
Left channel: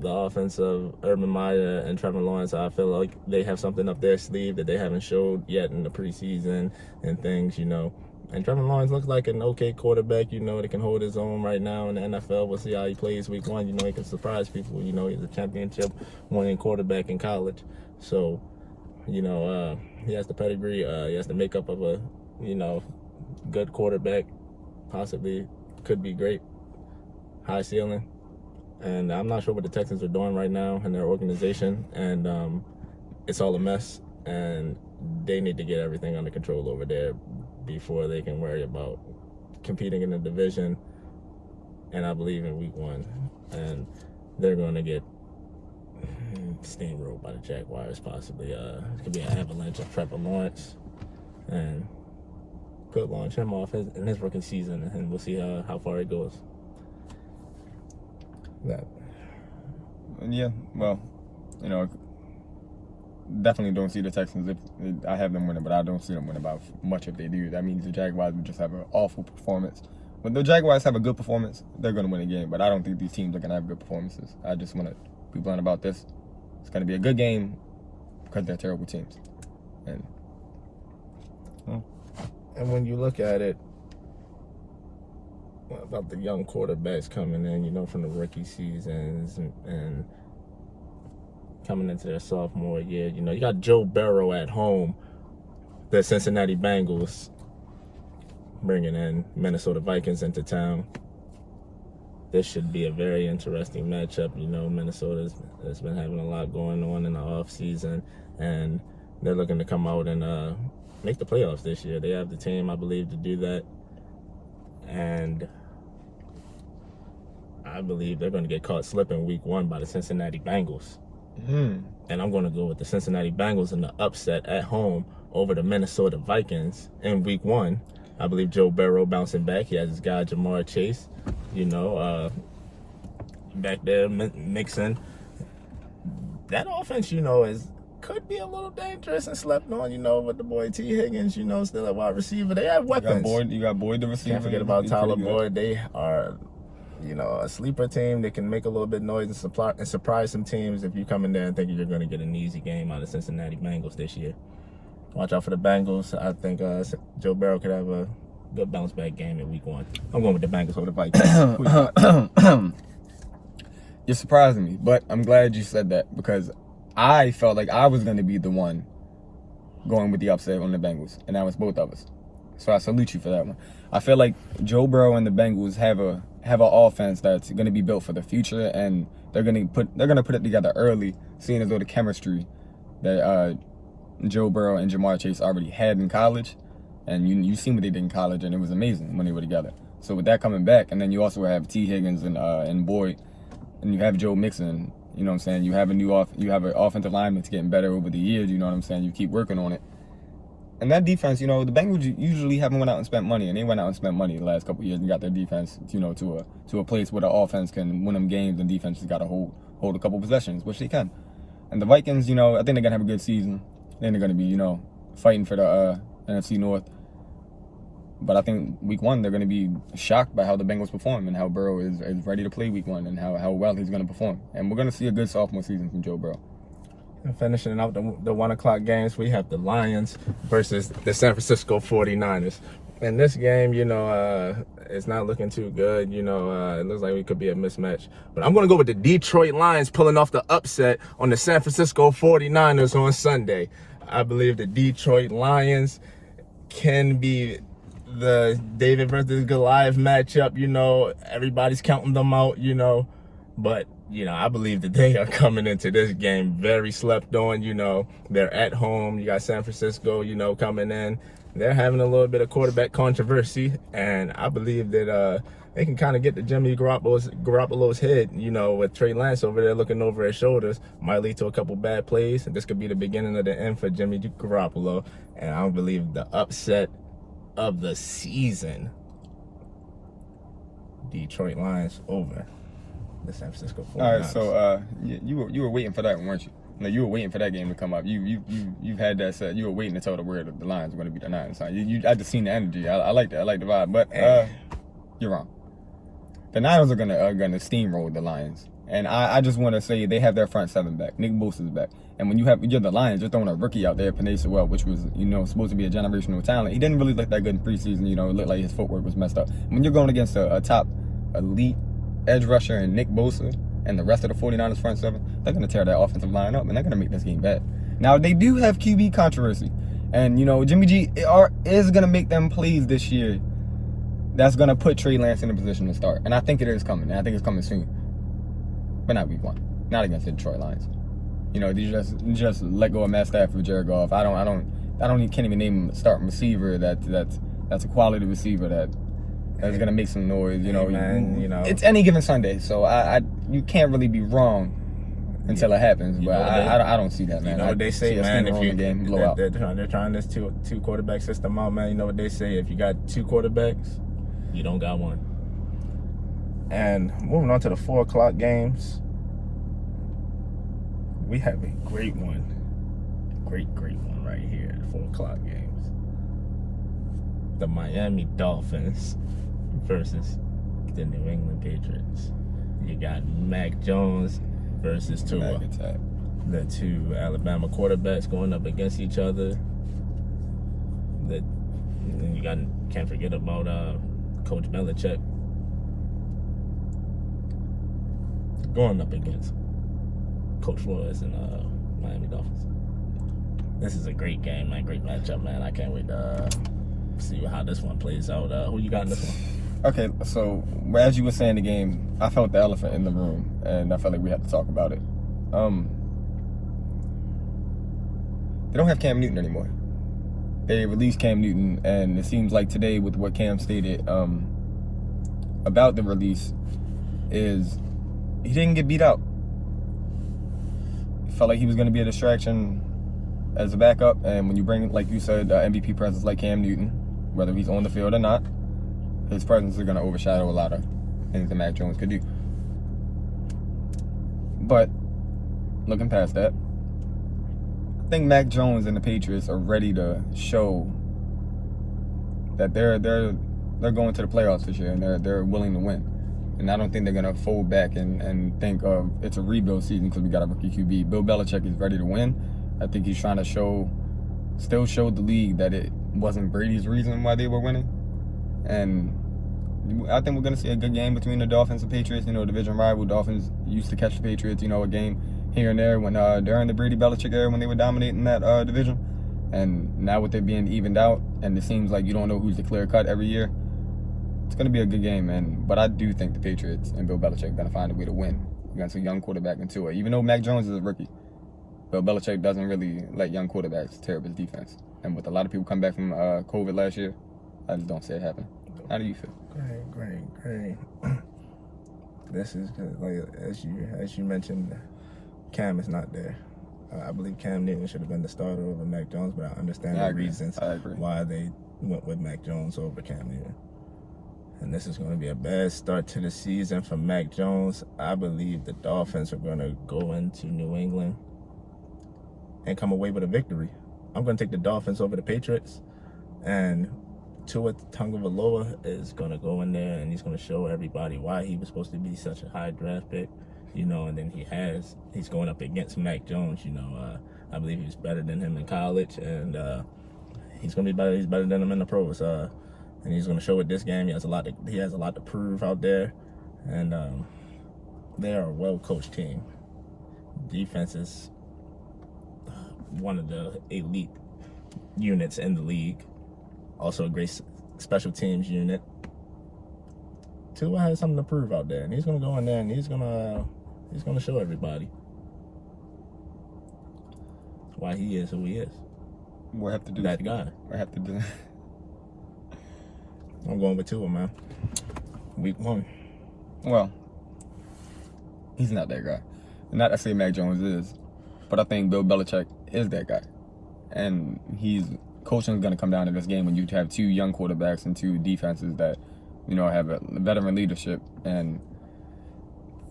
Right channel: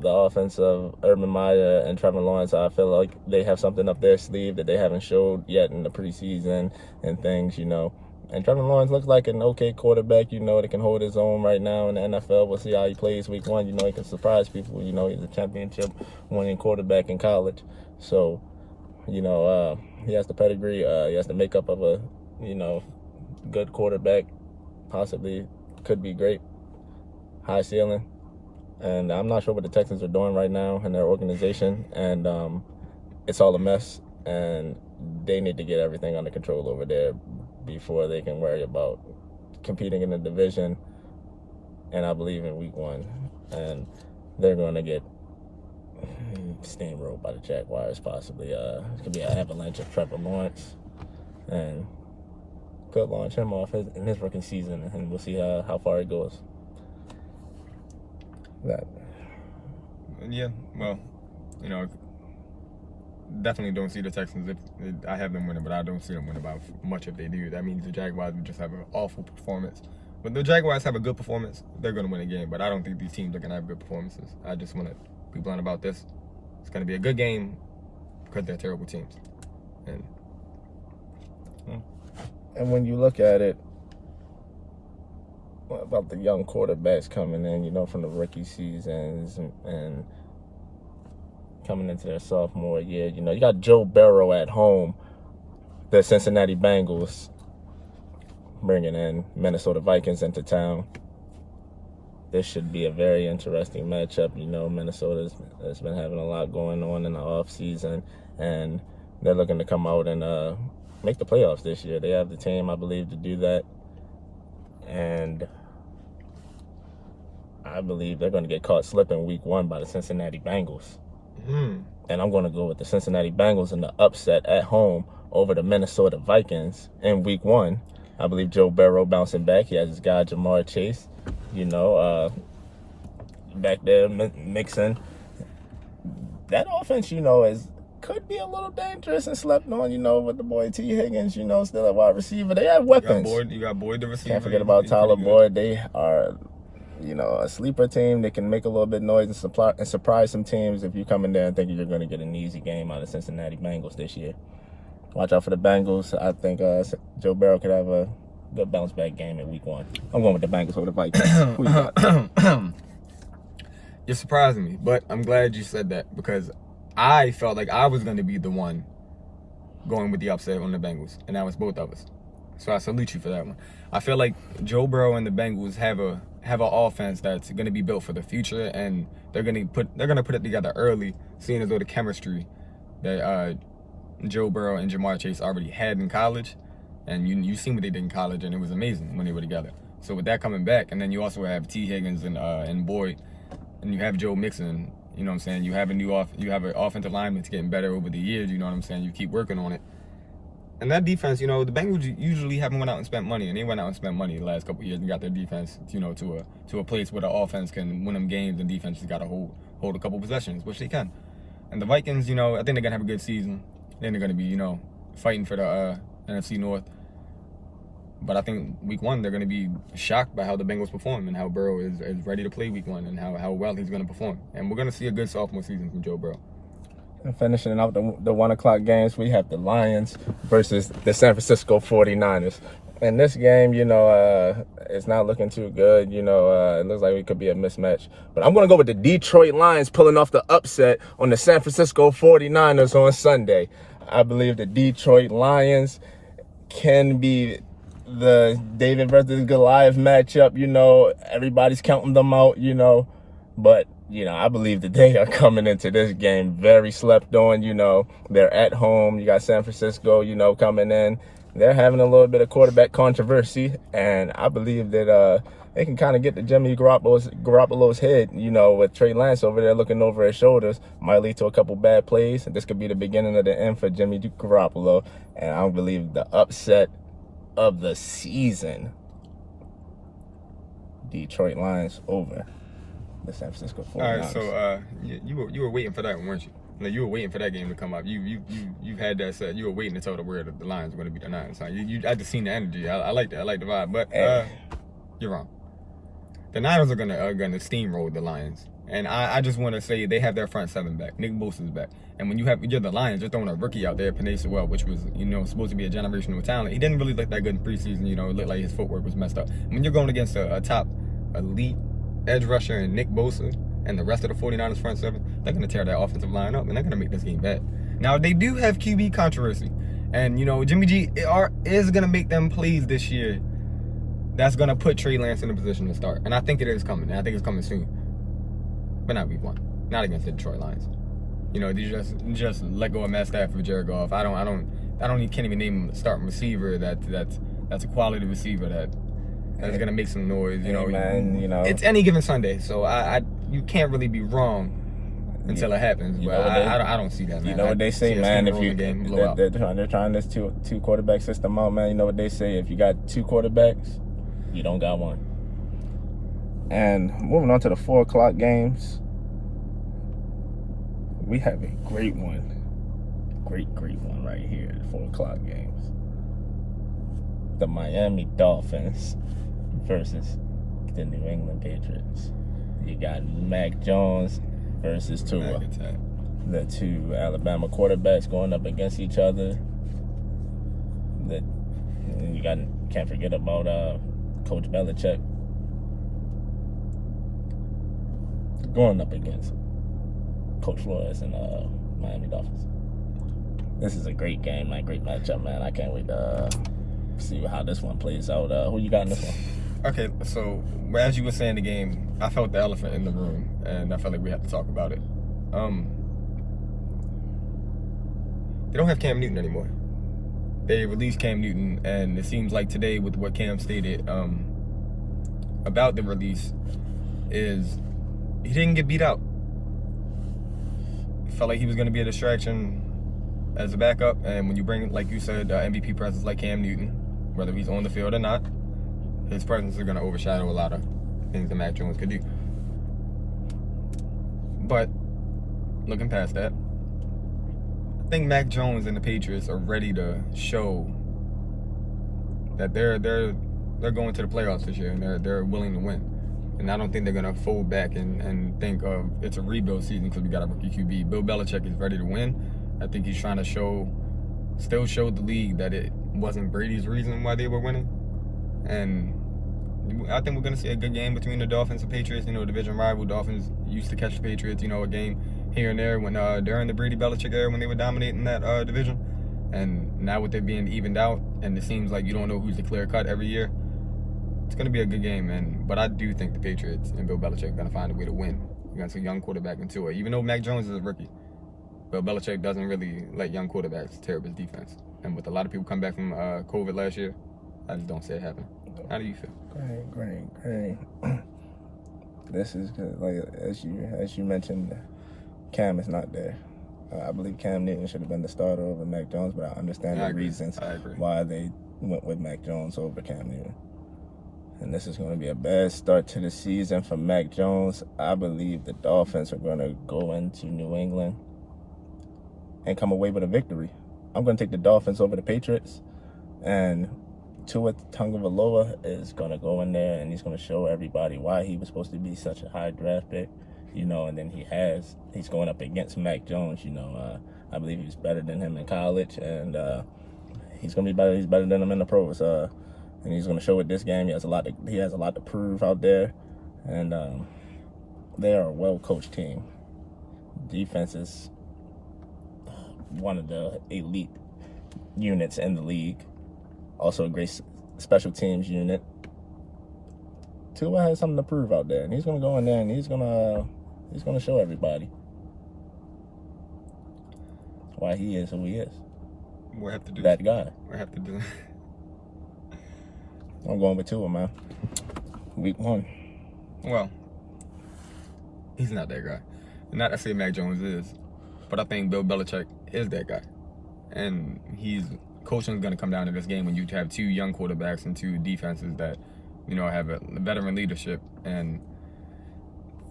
the offense of Urban Meyer and Trevor Lawrence, I feel like they have something up their sleeve that they haven't showed yet in the preseason and things, And Trevor Lawrence looks like an okay quarterback, that can hold his own right now in the NFL. We'll see how he plays week 1. He can surprise people. He's a championship winning quarterback in college. So, he has the pedigree. He has the makeup of a, good quarterback. Possibly could be great. High ceiling. And I'm not sure what the Texans are doing right now in their organization. And it's all a mess. And they need to get everything under control over there before they can worry about competing in the division. And I believe in week 1. And they're going to get steamrolled by the Jaguars, possibly. It could be an avalanche of Trevor Lawrence. And could launch him off in his rookie season. And we'll see how far it goes. That. Yeah, well, definitely don't see the Texans. I have them winning, but I don't see them winning by much if they do. That means the Jaguars would just have an awful performance. When the Jaguars have a good performance, they're going to win a game. But I don't think these teams are going to have good performances. I just want to be blunt about this. It's going to be a good game because they're terrible teams. And when you look at it, about the young quarterbacks coming in, from the rookie seasons and coming into their sophomore year, you got Joe Burrow at home, the Cincinnati Bengals, bringing in Minnesota Vikings into town. This should be a very interesting matchup. Minnesota has been having a lot going on in the offseason, and they're looking to come out and make the playoffs this year. They have the team, I believe, to do that. And I believe they're going to get caught slipping week 1 by the Cincinnati Bengals. And I'm going to go with the Cincinnati Bengals in the upset at home over the Minnesota Vikings in week 1. I believe Joe Burrow bouncing back. He has his guy Jamar Chase, back there mixing. That offense, could be a little dangerous and slept on, with the boy T. Higgins, still at wide receiver. They have weapons. You got Boyd the receiver. Can't forget about Tyler Boyd. They are, a sleeper team that can make a little bit of noise and surprise some teams if you come in there and thinking you're going to get an easy game out of Cincinnati Bengals this year. Watch out for the Bengals. I think Joe Burrow could have a good bounce back game in week 1. I'm going with the Bengals over the Vikings. You're surprising me, but I'm glad you said that because I felt like I was going to be the one going with the upset on the Bengals, and that was both of us. So I salute you for that one. I feel like Joe Burrow and the Bengals have an offense that's going to be built for the future, and they're going to put it together early, seeing as though the chemistry that Joe Burrow and Jamar Chase already had in college, and you seen what they did in college, and it was amazing when they were together. So with that coming back, and then you also have T. Higgins and Boyd, and you have Joe Mixon. You know what I'm saying? You have an offensive line that's getting better over the years. You know what I'm saying? You keep working on it. And that defense, the Bengals usually haven't went out and spent money, and they went out and spent money the last couple of years and got their defense, to a place where the offense can win them games and defense has got to hold a couple possessions, which they can. And the Vikings, I think they're gonna have a good season. Then they're gonna be, fighting for the NFC North. But I think week 1 they're gonna be shocked by how the Bengals perform and how Burrow is ready to play week 1 and how well he's gonna perform. And we're gonna see a good sophomore season from Joe Burrow. And finishing out the 1 o'clock games, we have the Lions versus the San Francisco 49ers. And this game, it's not looking too good. It looks like we could be a mismatch. But I'm going to go with the Detroit Lions pulling off the upset on the San Francisco 49ers on Sunday. I believe the Detroit Lions can be the David versus Goliath matchup. Everybody's counting them out, But I believe that they are coming into this game very slept on. They're at home. You got San Francisco, coming in. They're having a little bit of quarterback controversy, and I believe that they can kind of get to Jimmy Garoppolo's head, with Trey Lance over there looking over his shoulders. Might lead to a couple bad plays, and this could be the beginning of the end for Jimmy Garoppolo. And I believe the upset of the season, Detroit Lions over the San Francisco 49ers. All right, so you were waiting for that one, weren't you? No, you were waiting for that game to come up. You've had that set. You were waiting to tell the world that the Lions were going to beat the Niners. I just seen the energy. I like that. I like the vibe. But you're wrong. The Niners are gonna steamroll the Lions. And I just want to say they have their front seven back. Nick Bosa's back. And when you're the Lions, you're throwing a rookie out there, Panay Sewell, which was, supposed to be a generational talent. He didn't really look that good in preseason. It looked like his footwork was messed up. When you're going against a top elite edge rusher and Nick Bosa and the rest of the 49ers front seven, they're going to tear that offensive line up, and they're going to make this game bad. Now, they do have QB controversy. And, Jimmy G is going to make them plays this year that's going to put Trey Lance in a position to start. And I think it is coming. And I think it's coming soon. But not week 1. Not against the Detroit Lions. You just let go of Matt Stafford, Jared Goff. Can't even name a starting receiver that's a quality receiver that's going to make some noise. It's any given Sunday. So you can't really be wrong until it happens, but I don't see that, man. You know what they say, man? If they're trying this two quarterback system out, man. You know what they say? If you got 2 quarterbacks, you don't got one. And moving on to the 4 o'clock games, we have a great one, great one right here. The 4 o'clock games, the Miami Dolphins versus the New England Patriots. You got Mac Jones versus Tua, the 2 Alabama quarterbacks going up against each other. Can't forget about Coach Belichick going up against Coach Flores and Miami Dolphins. This is a great game, man. Great matchup, man. I can't wait to see how this one plays out. Who you got in this one? Okay, so as you were saying the game, I felt the elephant in the room, and I felt like we had to talk about it. They don't have Cam Newton anymore. They released Cam Newton, and it seems like today with what Cam stated about the release is he didn't get beat out. He felt like he was going to be a distraction as a backup, and when you bring, like you said, MVP presence like Cam Newton, whether he's on the field or not, his presence is going to overshadow a lot of things that Mac Jones could do. But looking past that, I think Mac Jones and the Patriots are ready to show that they're going to the playoffs this year, and they're willing to win. And I don't think they're going to fold back and think of it's a rebuild season because we got a rookie QB. Bill Belichick is ready to win. I think he's trying to still show the league that it wasn't Brady's reason why they were winning. And I think we're going to see a good game between the Dolphins and Patriots. Division rival. Dolphins used to catch the Patriots, a game here and there when during the Brady-Belichick era when they were dominating that division. And now with it being evened out, and it seems like you don't know who's the clear cut every year, it's going to be a good game. But I do think the Patriots and Bill Belichick are going to find a way to win against a young quarterback in Tua. Even though Mac Jones is a rookie, Bill Belichick doesn't really let young quarterbacks tear up his defense. And with a lot of people come back from COVID last year, I just don't see it happen. How do you feel? Great. This is good. Like as you mentioned, Cam is not there. I believe Cam Newton should have been the starter over Mac Jones, but I understand the reasons why they went with Mac Jones over Cam Newton. And this is going to be a bad start to the season for Mac Jones. I believe the Dolphins are going to go into New England and come away with a victory. I'm going to take the Dolphins over the Patriots, and Tua Tagovailoa is going to go in there and he's going to show everybody why he was supposed to be such a high draft pick, and then he's going up against Mac Jones, I believe he's better than him in college, and he's going to be better. He's better than him in the pros, and he's going to show it this game. He has a lot to prove out there, and they are a well-coached team. Defense is one of the elite units in the league. Also a great special teams unit. Tua has something to prove out there, and he's gonna go in there and he's gonna show everybody why he is who he is. We'll have to do that guy. We'll have to do. I'm going with Tua, man. Week 1. Well, he's not that guy. Not to say Mac Jones is, but I think Bill Belichick is that guy, and coaching is going to come down to this game when you have 2 young quarterbacks and 2 defenses that, have a veteran leadership. And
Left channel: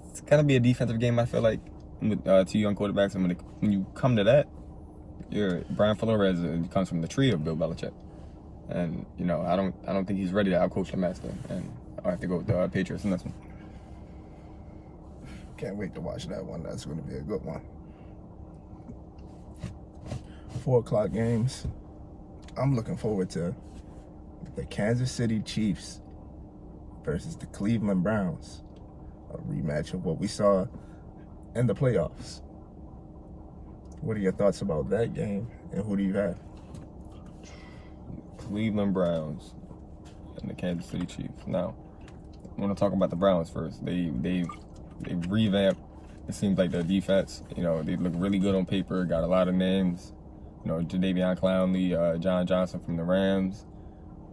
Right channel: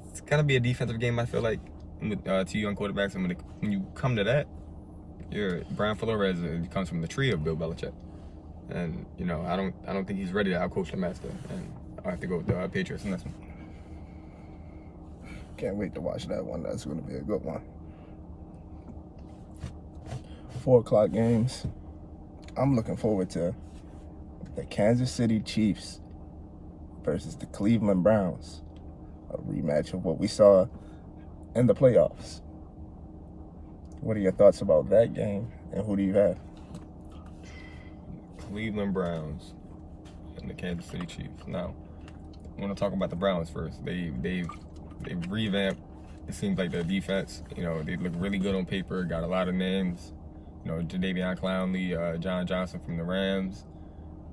it's got to be a defensive game, I feel like, with 2 young quarterbacks. And when you come to that, Brian Flores comes from the tree of Bill Belichick. And, I don't think he's ready to outcoach the master. And I have to go with the Patriots in this one. Can't wait to watch that one. That's going to be a good one. 4 o'clock games. I'm looking forward to the Kansas City Chiefs versus the Cleveland Browns. A rematch of what we saw in the playoffs. What are your thoughts about that game, and who do you have? Cleveland Browns and the Kansas City Chiefs. Now, I want to talk about the Browns first. They revamped. It seems like their defense. You know, they look really good on paper. Got a lot of names. You know, Jadeveon Clowney, John Johnson from the Rams.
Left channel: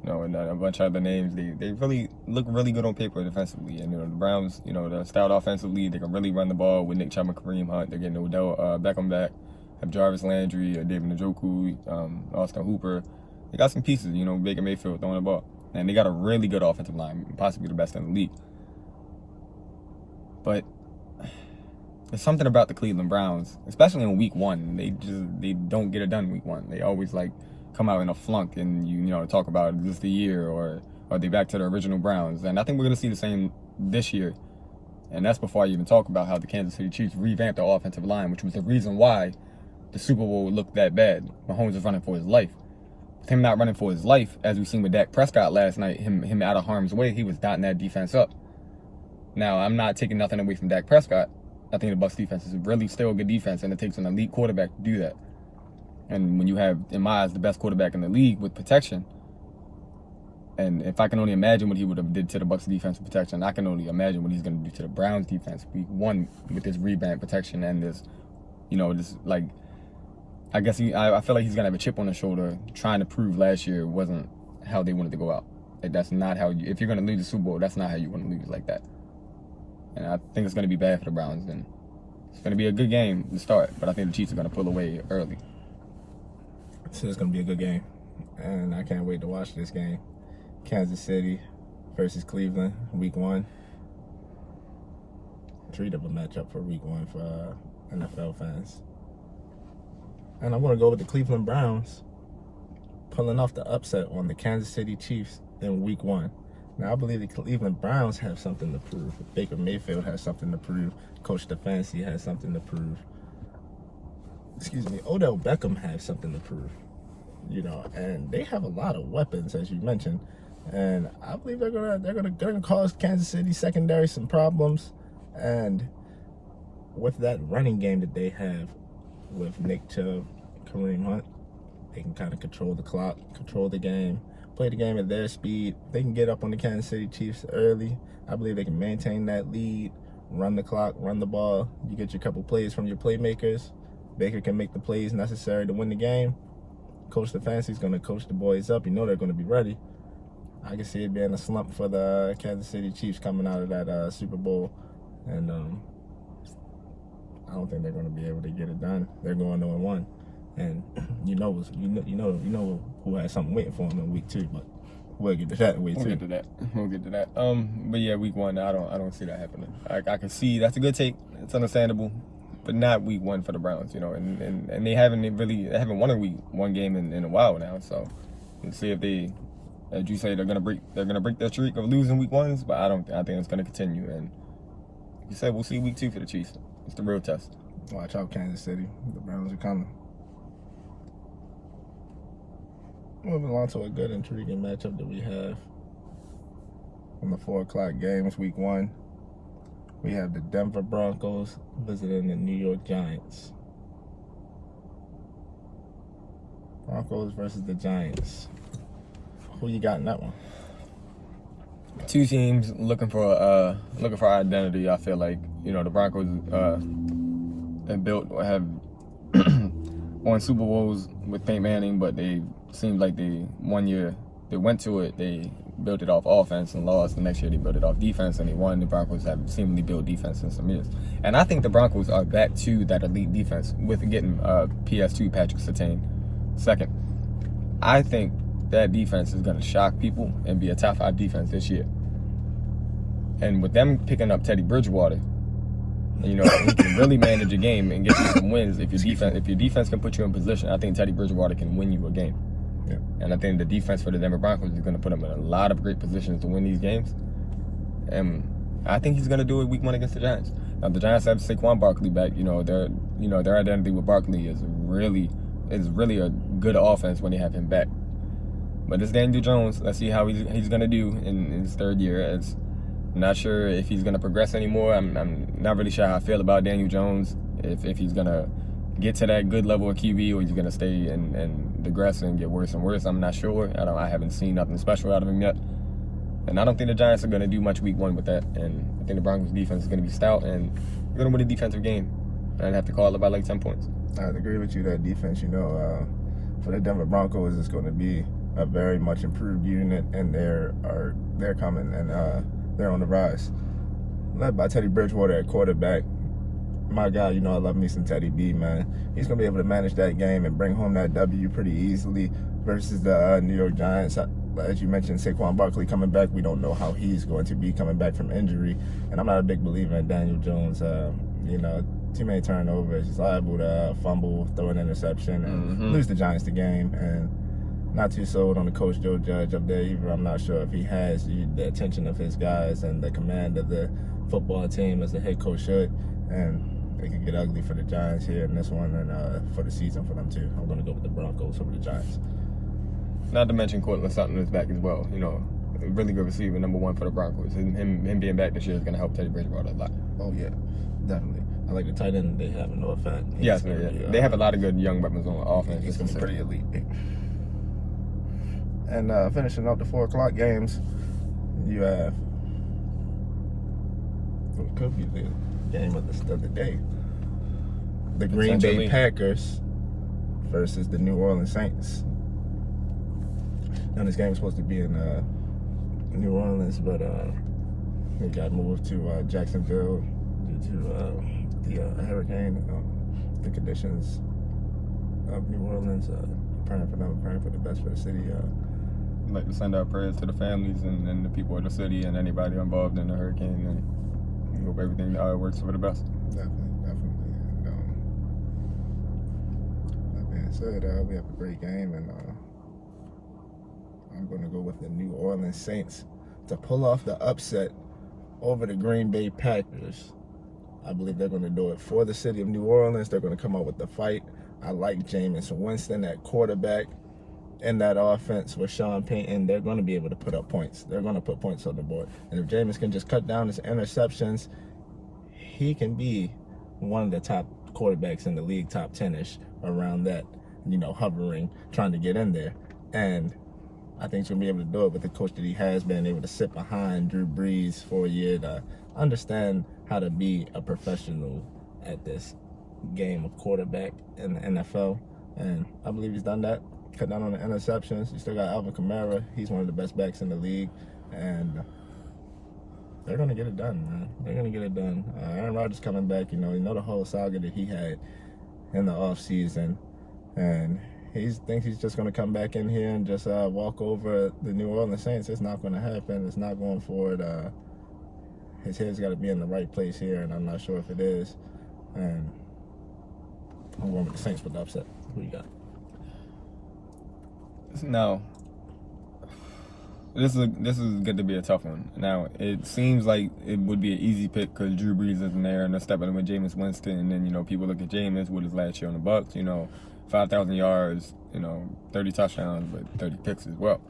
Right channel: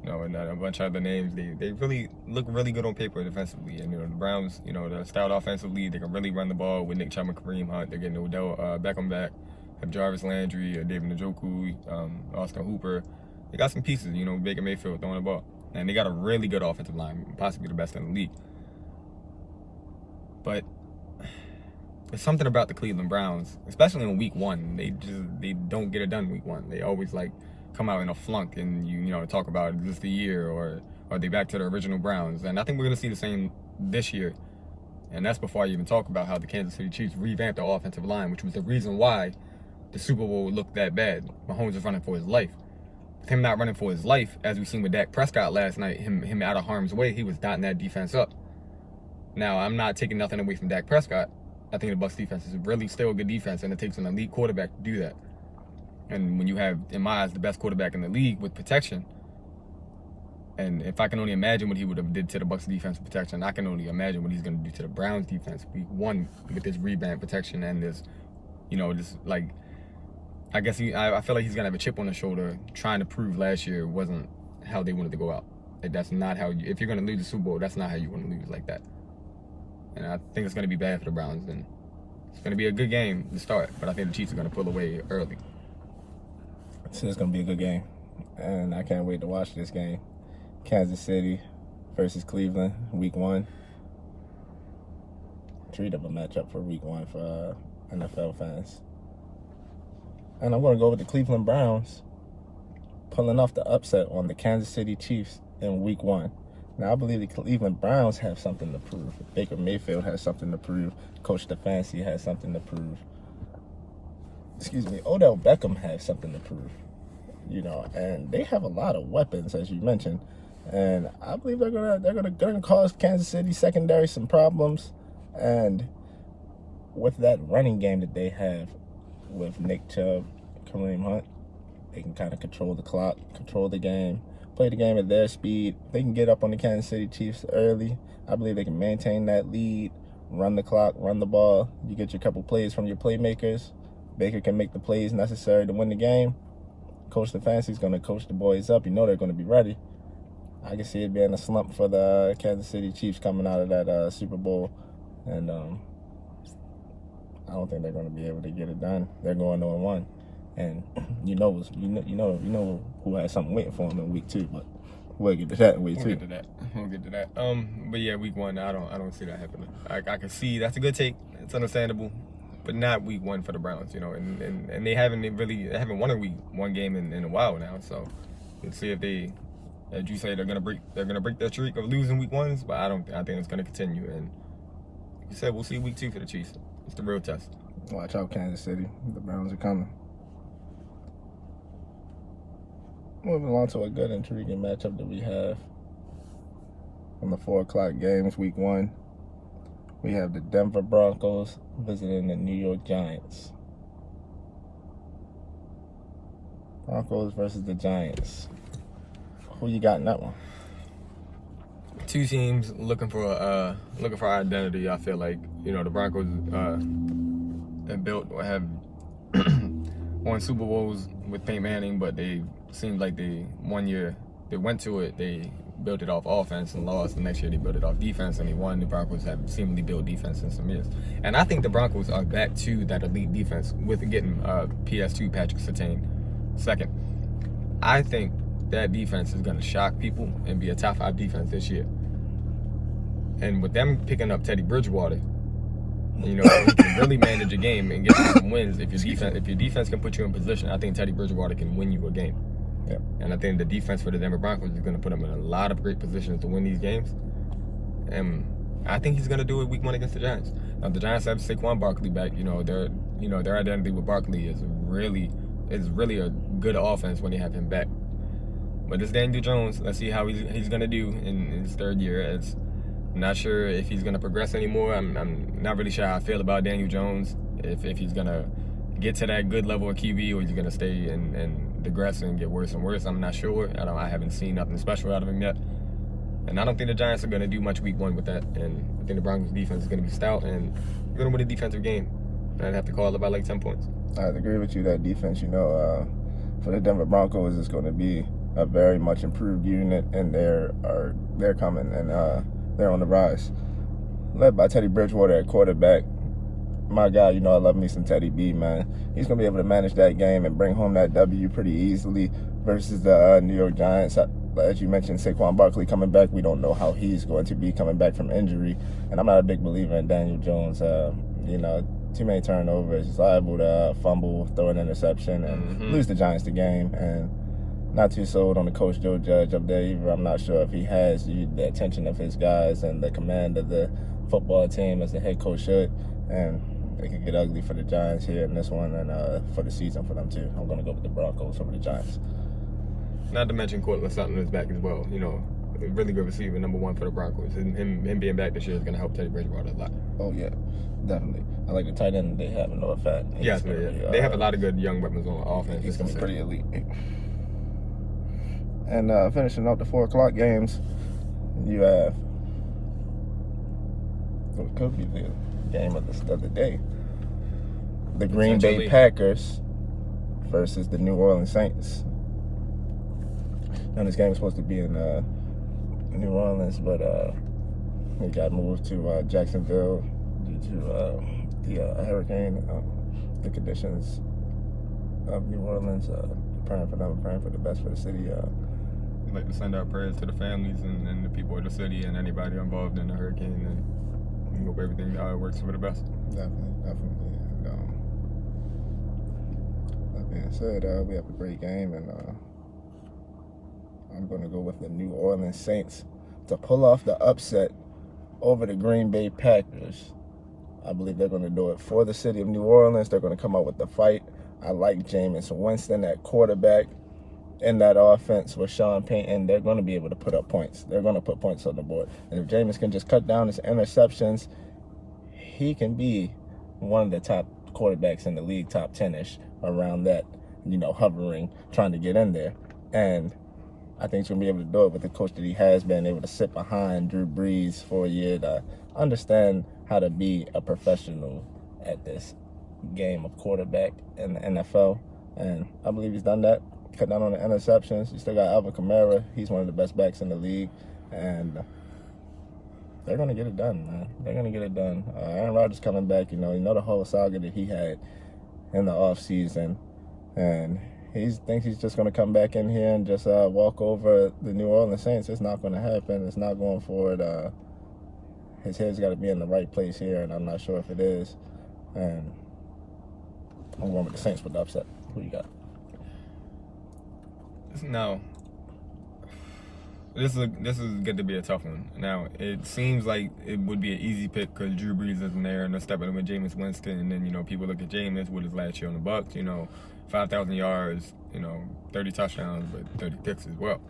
You know, and a bunch of other names. They really look really good on paper defensively. And, you know, the Browns, you know, they're stout offensively. They can really run the ball with Nick Chubb and Kareem Hunt. They're getting Odell Beckham back. Have Jarvis Landry, David Njoku, Austin Hooper. They got some pieces, you know, Baker Mayfield throwing the ball. And they got a really good offensive line, possibly the best in the league. But there's something about the Cleveland Browns, especially in week 1. They don't get it done in week 1. They always like come out in a flunk and you know talk about is this the year or are they back to the original Browns? And I think we're gonna see the same this year. And that's before I even talk about how the Kansas City Chiefs revamped their offensive line, which was the reason why the Super Bowl looked that bad. Mahomes was running for his life. With him not running for his life, as we've seen with Dak Prescott last night, him out of harm's way, he was dotting that defense up. Now, I'm not taking nothing away from Dak Prescott. I think the Bucs defense is really still a good defense, and it takes an elite quarterback to do that. And when you have, in my eyes, the best quarterback in the league with protection, and if I can only imagine what he would have did to the Bucs defense with protection, I can only imagine what he's going to do to the Browns defense week 1 with this rebound protection and this, you know, this like, I guess I feel like he's going to have a chip on his shoulder trying to prove last year wasn't how they wanted to go out. Like, that's not how you, if you're going to lose the Super Bowl, that's not how you want to lose like that. And I think it's going to be bad for the Browns. And it's going to be a good game to start, but I think the Chiefs are going to pull away early. So it's going to be a good game, and I can't wait to watch this game. Kansas City versus Cleveland, week 1. Treat of a matchup for week 1 for NFL fans. And I'm going to go with the Cleveland Browns pulling off the upset on the Kansas City Chiefs in week 1. Now, I believe the Cleveland Browns have something to prove. Baker Mayfield has something to prove. Coach Stefanski has something to prove. Odell Beckham has something to prove. You know, and they have a lot of weapons, as you mentioned. And I believe they're gonna cause Kansas City secondary some problems. And with that running game that they have with Nick Chubb, Kareem Hunt, they can kind of control the clock, control the game, play the game at their speed. They can get up on the Kansas City Chiefs early. I believe they can maintain that lead, run the clock, run the ball. You get your couple plays from your playmakers. Baker can make the plays necessary to win the game. Coach Stefanski's going to coach the boys up. You know they're going to be ready. I can see it being a slump for the Kansas City Chiefs coming out of that Super Bowl. And I don't think they're going to be able to get it done. They're going 0-1. And you know who has something waiting for them in week 2, but we'll get to that in week 2. We'll get to that. But yeah, week 1, I don't see that happening. I can see that's a good take. It's understandable, but not week 1 for the Browns, you know. And they haven't won a week 1 game in a while now. So we'll see if they, as you say, they're gonna break their streak of losing week 1s. But I think it's gonna continue. And you said we'll see week 2 for the Chiefs. It's the real test. Watch out, Kansas City. The Browns are coming. Moving on to a good, intriguing matchup that we have on the 4 o'clock games, week 1. We have the Denver Broncos visiting the New York Giants. Broncos versus the Giants. Who you got in that one? 2 teams looking for identity. I feel like, you know, the Broncos have won Super Bowls with Peyton Manning, but they seemed like one year they went to it, they built it off offense and lost. The next year they built it off defense and they won. The Broncos have seemingly built defense in some years. And I think the Broncos are back to that elite defense with getting PS2 Patrick Surtain second. I think that defense is going to shock people and be a top 5 defense this year. And with them picking up Teddy Bridgewater, you know, he can really manage a game and get you some wins. If your defense can put you in position, I think Teddy Bridgewater can win you a game. Yeah. And I think the defense for the Denver Broncos is going to put him in a lot of great positions to win these games. And I think he's going to do it week 1 against the Giants. Now the Giants have Saquon Barkley back. Their identity with Barkley is really a good offense when they have him back. But it's Daniel Jones. Let's see how he's gonna do in his third year. I'm not sure if he's gonna progress anymore. I'm not really sure how I feel about Daniel Jones. If he's gonna get to that good level of QB, or he's gonna stay and digress and get worse and worse. I'm not sure. I haven't seen nothing special out of him yet. And I don't think the Giants are gonna do much week 1 with that. And I think the Broncos defense is gonna be stout and they're gonna win a defensive game. And I'd have to call it by like 10 points. I agree with you. That defense, for the Denver Broncos, is going to be a very much improved unit, and they're coming, and they're on the rise. Led by Teddy Bridgewater at quarterback. My guy, I love me some Teddy B, man. He's going to be able to manage that game and bring home that W pretty easily versus the New York Giants. As you mentioned, Saquon Barkley coming back. We don't know how he's going to be coming back from injury, and I'm not a big believer in Daniel Jones. Too many turnovers. He's liable to fumble, throw an interception, and lose the Giants the game. And not too sold on the coach Joe Judge up there either. I'm not sure if he has the attention of his guys and the command of the football team as the head coach should. And it can get ugly for the Giants here in this one, and for the season for them too. I'm going to go with the Broncos over the Giants. Not to mention Cortland Sutton is back as well. A really good receiver, number 1 for the Broncos. Him being back this year is going to help Teddy Bridgewater a lot. Oh yeah, definitely. I like the tight end they have in Noah Fat. Yes, they have a lot of good young weapons on offense. It's going to be pretty elite. And finishing up the 4 o'clock games, you have what could be the game of the day. The Green Bay Packers versus the New Orleans Saints. Now this game is supposed to be in New Orleans, but it got moved to Jacksonville due to the hurricane. The conditions of New Orleans, praying for them, praying for the best for the city. We'd like to send our prayers to the families and the people of the city and anybody involved in the hurricane, and we hope everything works for the best. Definitely. That being said, we have a great game, and I'm going to go with the New Orleans Saints to pull off the upset over the Green Bay Packers. I believe they're going to do it for the city of New Orleans. They're going to come out with the fight. I like Jameis Winston at quarterback. In that offense with Sean Payton, they're going to be able to put up points. They're going to put points on the board. And if Jameis can just cut down his interceptions, he can be one of the top quarterbacks in the league, top 10-ish, around that, hovering, trying to get in there. And I think he's going to be able to do it with the coach that he has been able to sit behind Drew Brees for a year to understand how to be a professional at this game of quarterback in the NFL. And I believe he's done that. Cut down on the interceptions. You still got Alvin Kamara. He's one of the best backs in the league. And they're going to get it done, man. They're going to get it done. Aaron Rodgers coming back, the whole saga that he had in the offseason. And he thinks he's just going to come back in here and just walk over the New Orleans Saints. It's not going to happen. It's not going forward. His head's got to be in the right place here, and I'm not sure if it is. And I'm going with the Saints for the upset. Who you got? Now, this is going to be a tough one. Now, it seems like it would be an easy pick because Drew Brees isn't there, and they're stepping in with Jameis Winston. And then, people look at Jameis with his last year on the Bucs, 5,000 yards, 30 touchdowns, but 30 picks as well.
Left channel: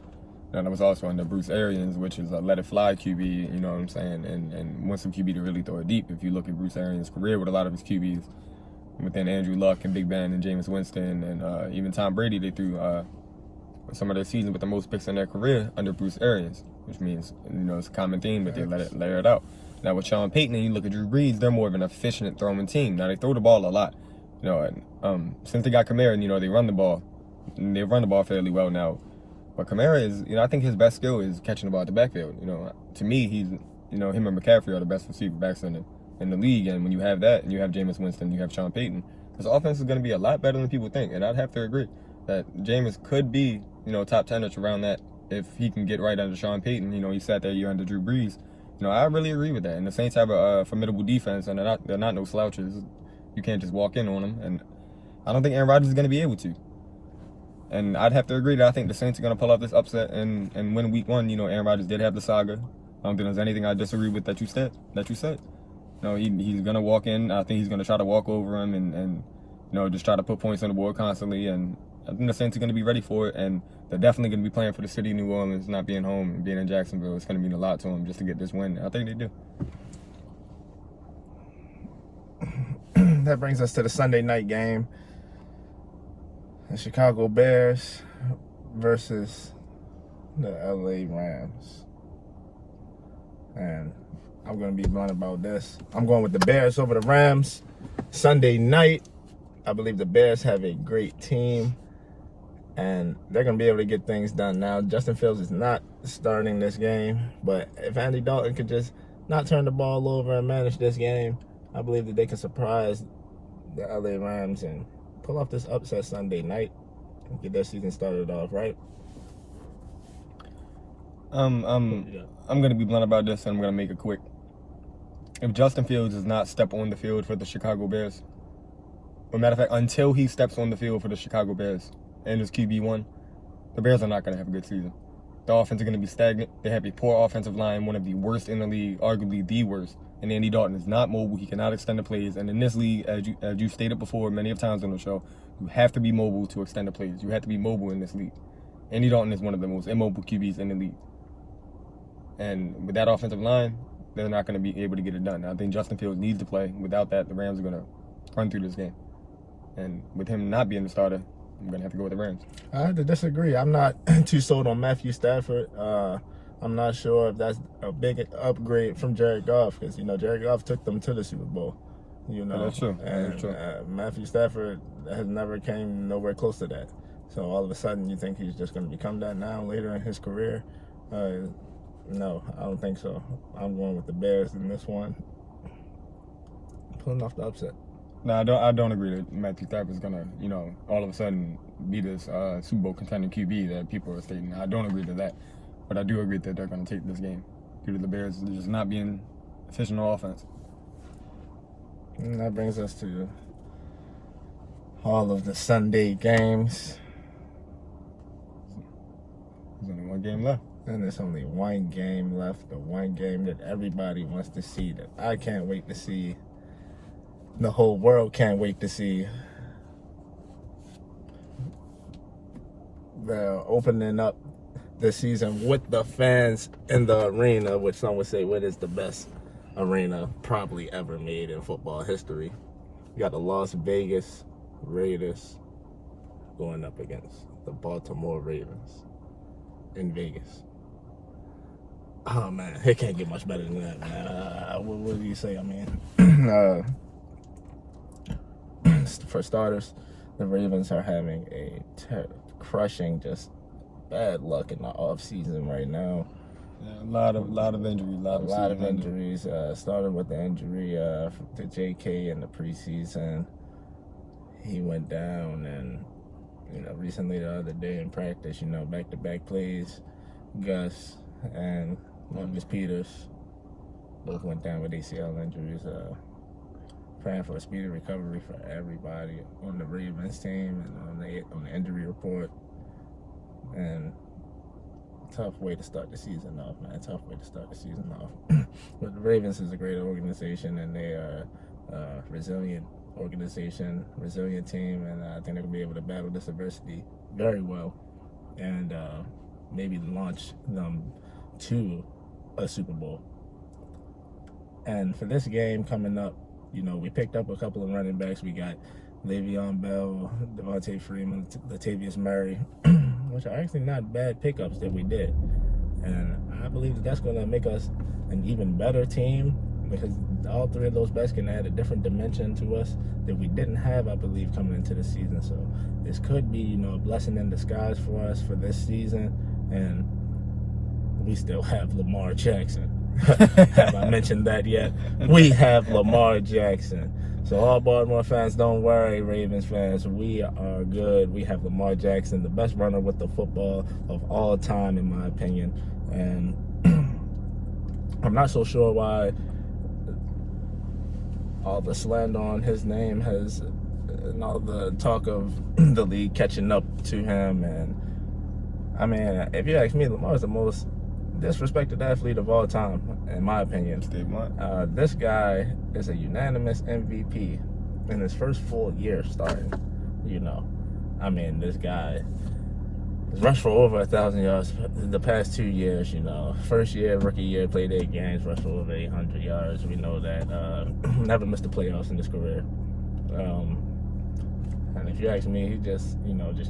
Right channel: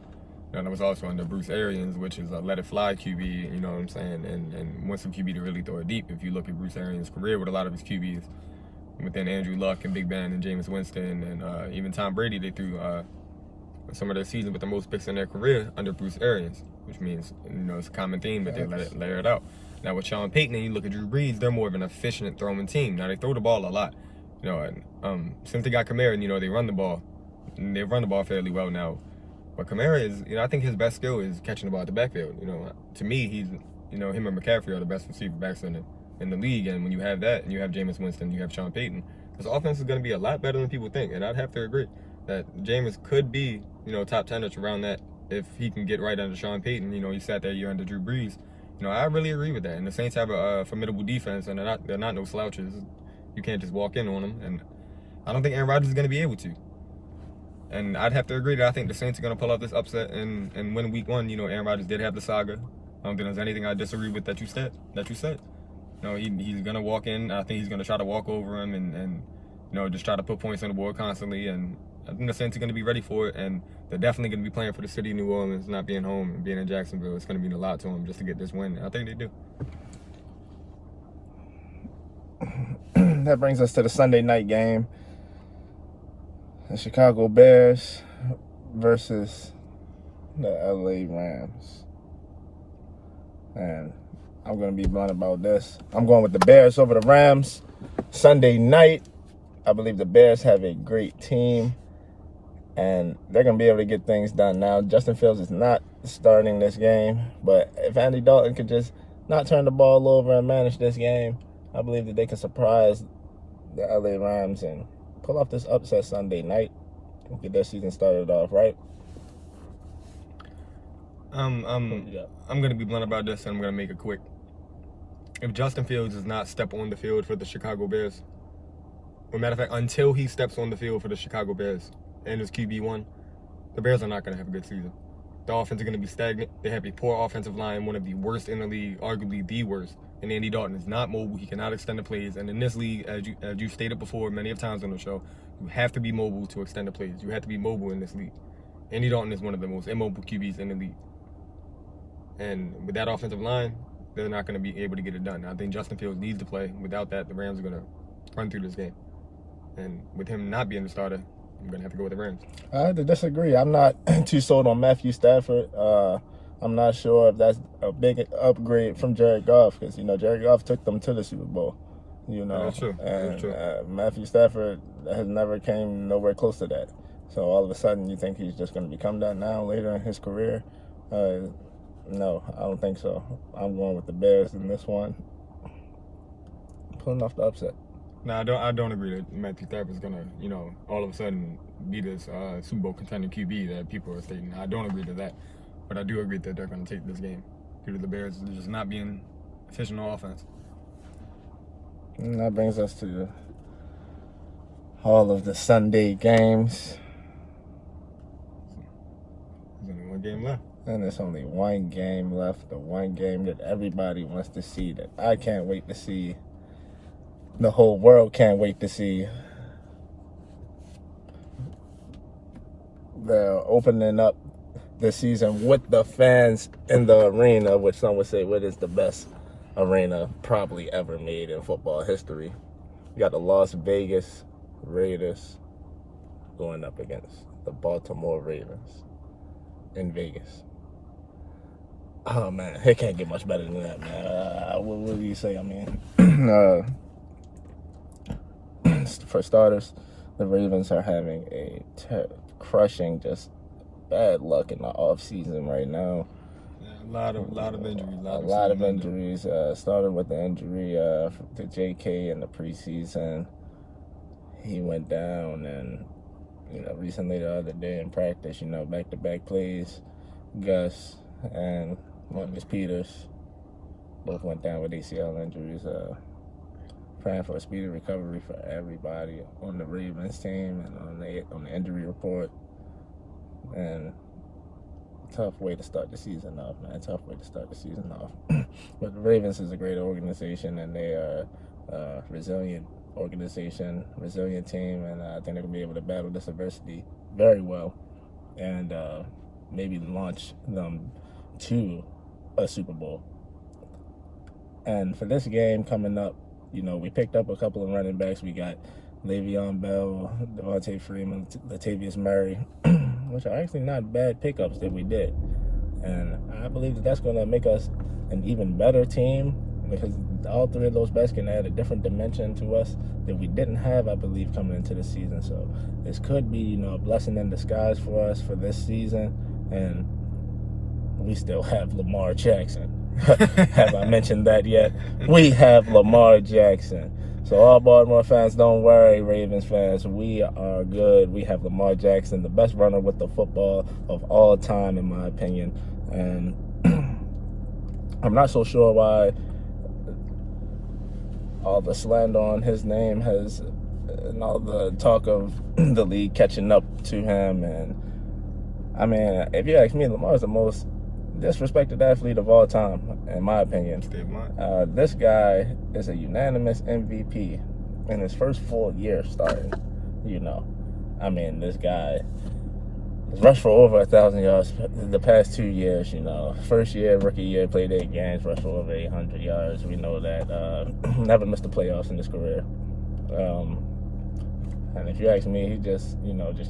That was also under Bruce Arians, which is a let-it-fly QB, you know what I'm saying, and wants some QB to really throw it deep. If you look at Bruce Arians' career with a lot of his QBs, within Andrew Luck and Big Ben and Jameis Winston and even Tom Brady, they threw some of their seasons with the most picks in their career under Bruce Arians, which means, it's a common theme that they layer it out. Now with Sean Payton and you look at Drew Brees, they're more of an efficient throwing team. Now they throw the ball a lot, since they got Kamara, they run the ball. And they run the ball fairly well now. But Kamara is, I think his best skill is catching the ball at the backfield. To me, he's, him and McCaffrey are the best receiver backs in the league. And when you have that, and you have Jameis Winston, you have Sean Payton, this offense is going to be a lot better than people think. And I'd have to agree that Jameis could be, top 10-ish around that if he can get right under Sean Payton. He sat that year under Drew Brees. I really agree with that. And the Saints have a formidable defense, and they're not no slouches. You can't just walk in on them. And I don't think Aaron Rodgers is going to be able to. And I'd have to agree that I think the Saints are going to pull off this upset and win week 1. Aaron Rodgers did have the saga. I don't think there's anything I disagree with that you said. he's gonna walk in. I think he's gonna try to walk over him and just try to put points on the board constantly. And I think the Saints are gonna be ready for it. And they're definitely gonna be playing for the city of New Orleans, not being home and being in Jacksonville. It's gonna mean a lot to them just to get this win. I think they do. That brings us to the Sunday night game. The Chicago Bears versus the LA Rams. And I'm going to be blunt about this. I'm going with the Bears over the Rams. Sunday night, I believe the Bears have a great team. And they're going to be able to get things done. Now, Justin Fields is not starting this game. But if Andy Dalton could just not turn the ball over and manage this game, I believe that they can surprise the LA Rams and pull off this upset Sunday night and get their season started off right. I'm going to be blunt about this, and I'm going to make it quick. If Justin Fields does not step on the field for the Chicago Bears, as a matter of fact, until he steps on the field for the Chicago Bears and his QB1, the Bears are not going to have a good season. The offense is going to be stagnant. They have a poor offensive line, one of the worst in the league, arguably the worst. And Andy Dalton is not mobile. He cannot extend the plays. And in this league, as you stated before many of times on the show, you have to be mobile to extend the plays. You have to be mobile in this league. Andy Dalton is one of the most immobile QBs in the league. And with that offensive line, they're not going to be able to get it done. I think Justin Fields needs to play. Without that, the Rams are going to run through this game. And with him not being the starter, I'm going to have to go with the Rams. I have to disagree. I'm not too sold on Matthew Stafford. I'm not sure if that's a big upgrade from Jared Goff because, Jared Goff took them to the Super Bowl. That's true. And That's true. Matthew Stafford has never came nowhere close to that. So all of a sudden you think he's just going to become that now later in his career? No, I don't think so. I'm going with the Bears in this one. Pulling off the upset. No, I don't agree that Matthew Stafford is going to, all of a sudden be this Super Bowl contending QB that people are stating. I don't agree to that. But I do agree that they're going to take this game due to the Bears just not being efficient on offense. And that brings us to all of the Sunday games. There's only one game left. And there's only one game left. The one game that everybody wants to see, that I can't wait to see. The whole world can't wait to see. They're opening up the season with the fans in the arena, which some would say what is the best arena probably ever made in football history. You got the Las Vegas Raiders going up against the Baltimore Ravens in Vegas. Oh man, it can't get much better than that, man. What do you say? I mean, for starters, the Ravens are having a crushing just bad luck in the off season right now. Yeah, a lot of injuries. A lot of injuries. Started with the injury to JK in the preseason. He went down, and recently the other day in practice, back-to-back plays, Gus and Marcus Peters both went down with ACL injuries. Praying for a speedy recovery for everybody on the Ravens team and on the injury report. And tough way to start the season off, man. Tough way to start the season off. But the Ravens is a great organization, and they are a resilient organization, resilient team, and I think they're going to be able to battle this adversity very well and maybe launch them to a Super Bowl. And for this game coming up, we picked up a couple of running backs. We got Le'Veon Bell, Devontae Freeman, Latavius Murray, which are actually not bad pickups that we did. And I believe that that's going to make us an even better team because all three of those backs can add a different dimension to us that we didn't have, I believe, coming into the season. So this could be, a blessing in disguise for us for this season. And we still have Lamar Jackson. Have I mentioned that yet? We have Lamar Jackson. So all Baltimore fans, don't worry, Ravens fans. We are good. We have Lamar Jackson, the best runner with the football of all time, in my opinion. And I'm not so sure why all the slander on his name has, and all the talk of the league catching up to him. And I mean, if you ask me, Lamar's the most disrespected athlete of all time. in my opinion. Stay blunt. This guy is a unanimous MVP in his first full year starting. This guy has rushed for over 1,000 yards the past 2 years. First year, rookie year, played 8 games, rushed for over 800 yards. We know that. Never missed the playoffs in his career. And if you ask me, he just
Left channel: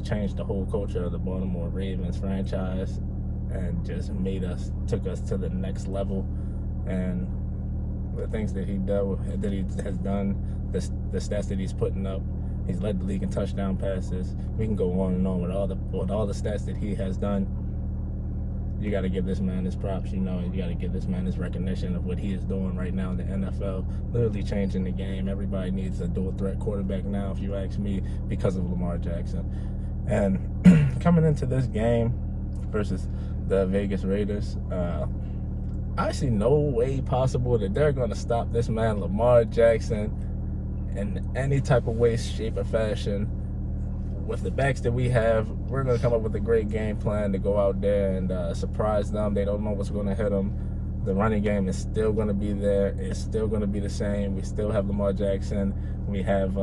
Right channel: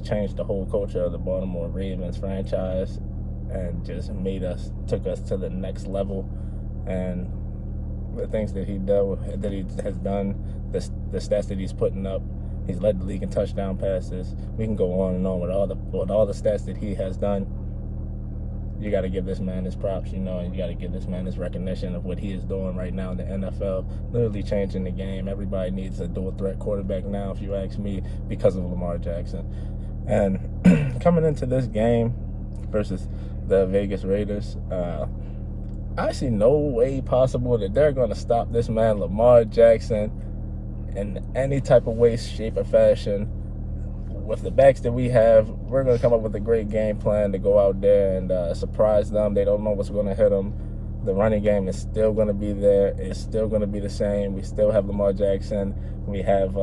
changed the whole culture of the Baltimore Ravens franchise and just took us to the next level. And the things that he has done, the stats that he's putting up, he's led the league in touchdown passes. We can go on and on with all the stats that he has done. You got to give this man his props, and you got to give this man his recognition of what he is doing right now in the NFL, literally changing the game. Everybody needs a dual threat quarterback now, if you ask me, because of Lamar Jackson. And coming into this game versus the Vegas Raiders, I see no way possible that they're going to stop this man, Lamar Jackson, in any type of way, shape, or fashion. With the backs that we have, we're going to come up with a great game plan to go out there and surprise them. They don't know what's going to hit them. The running game is still going to be there. It's still going to be the same. We still have Lamar Jackson. We have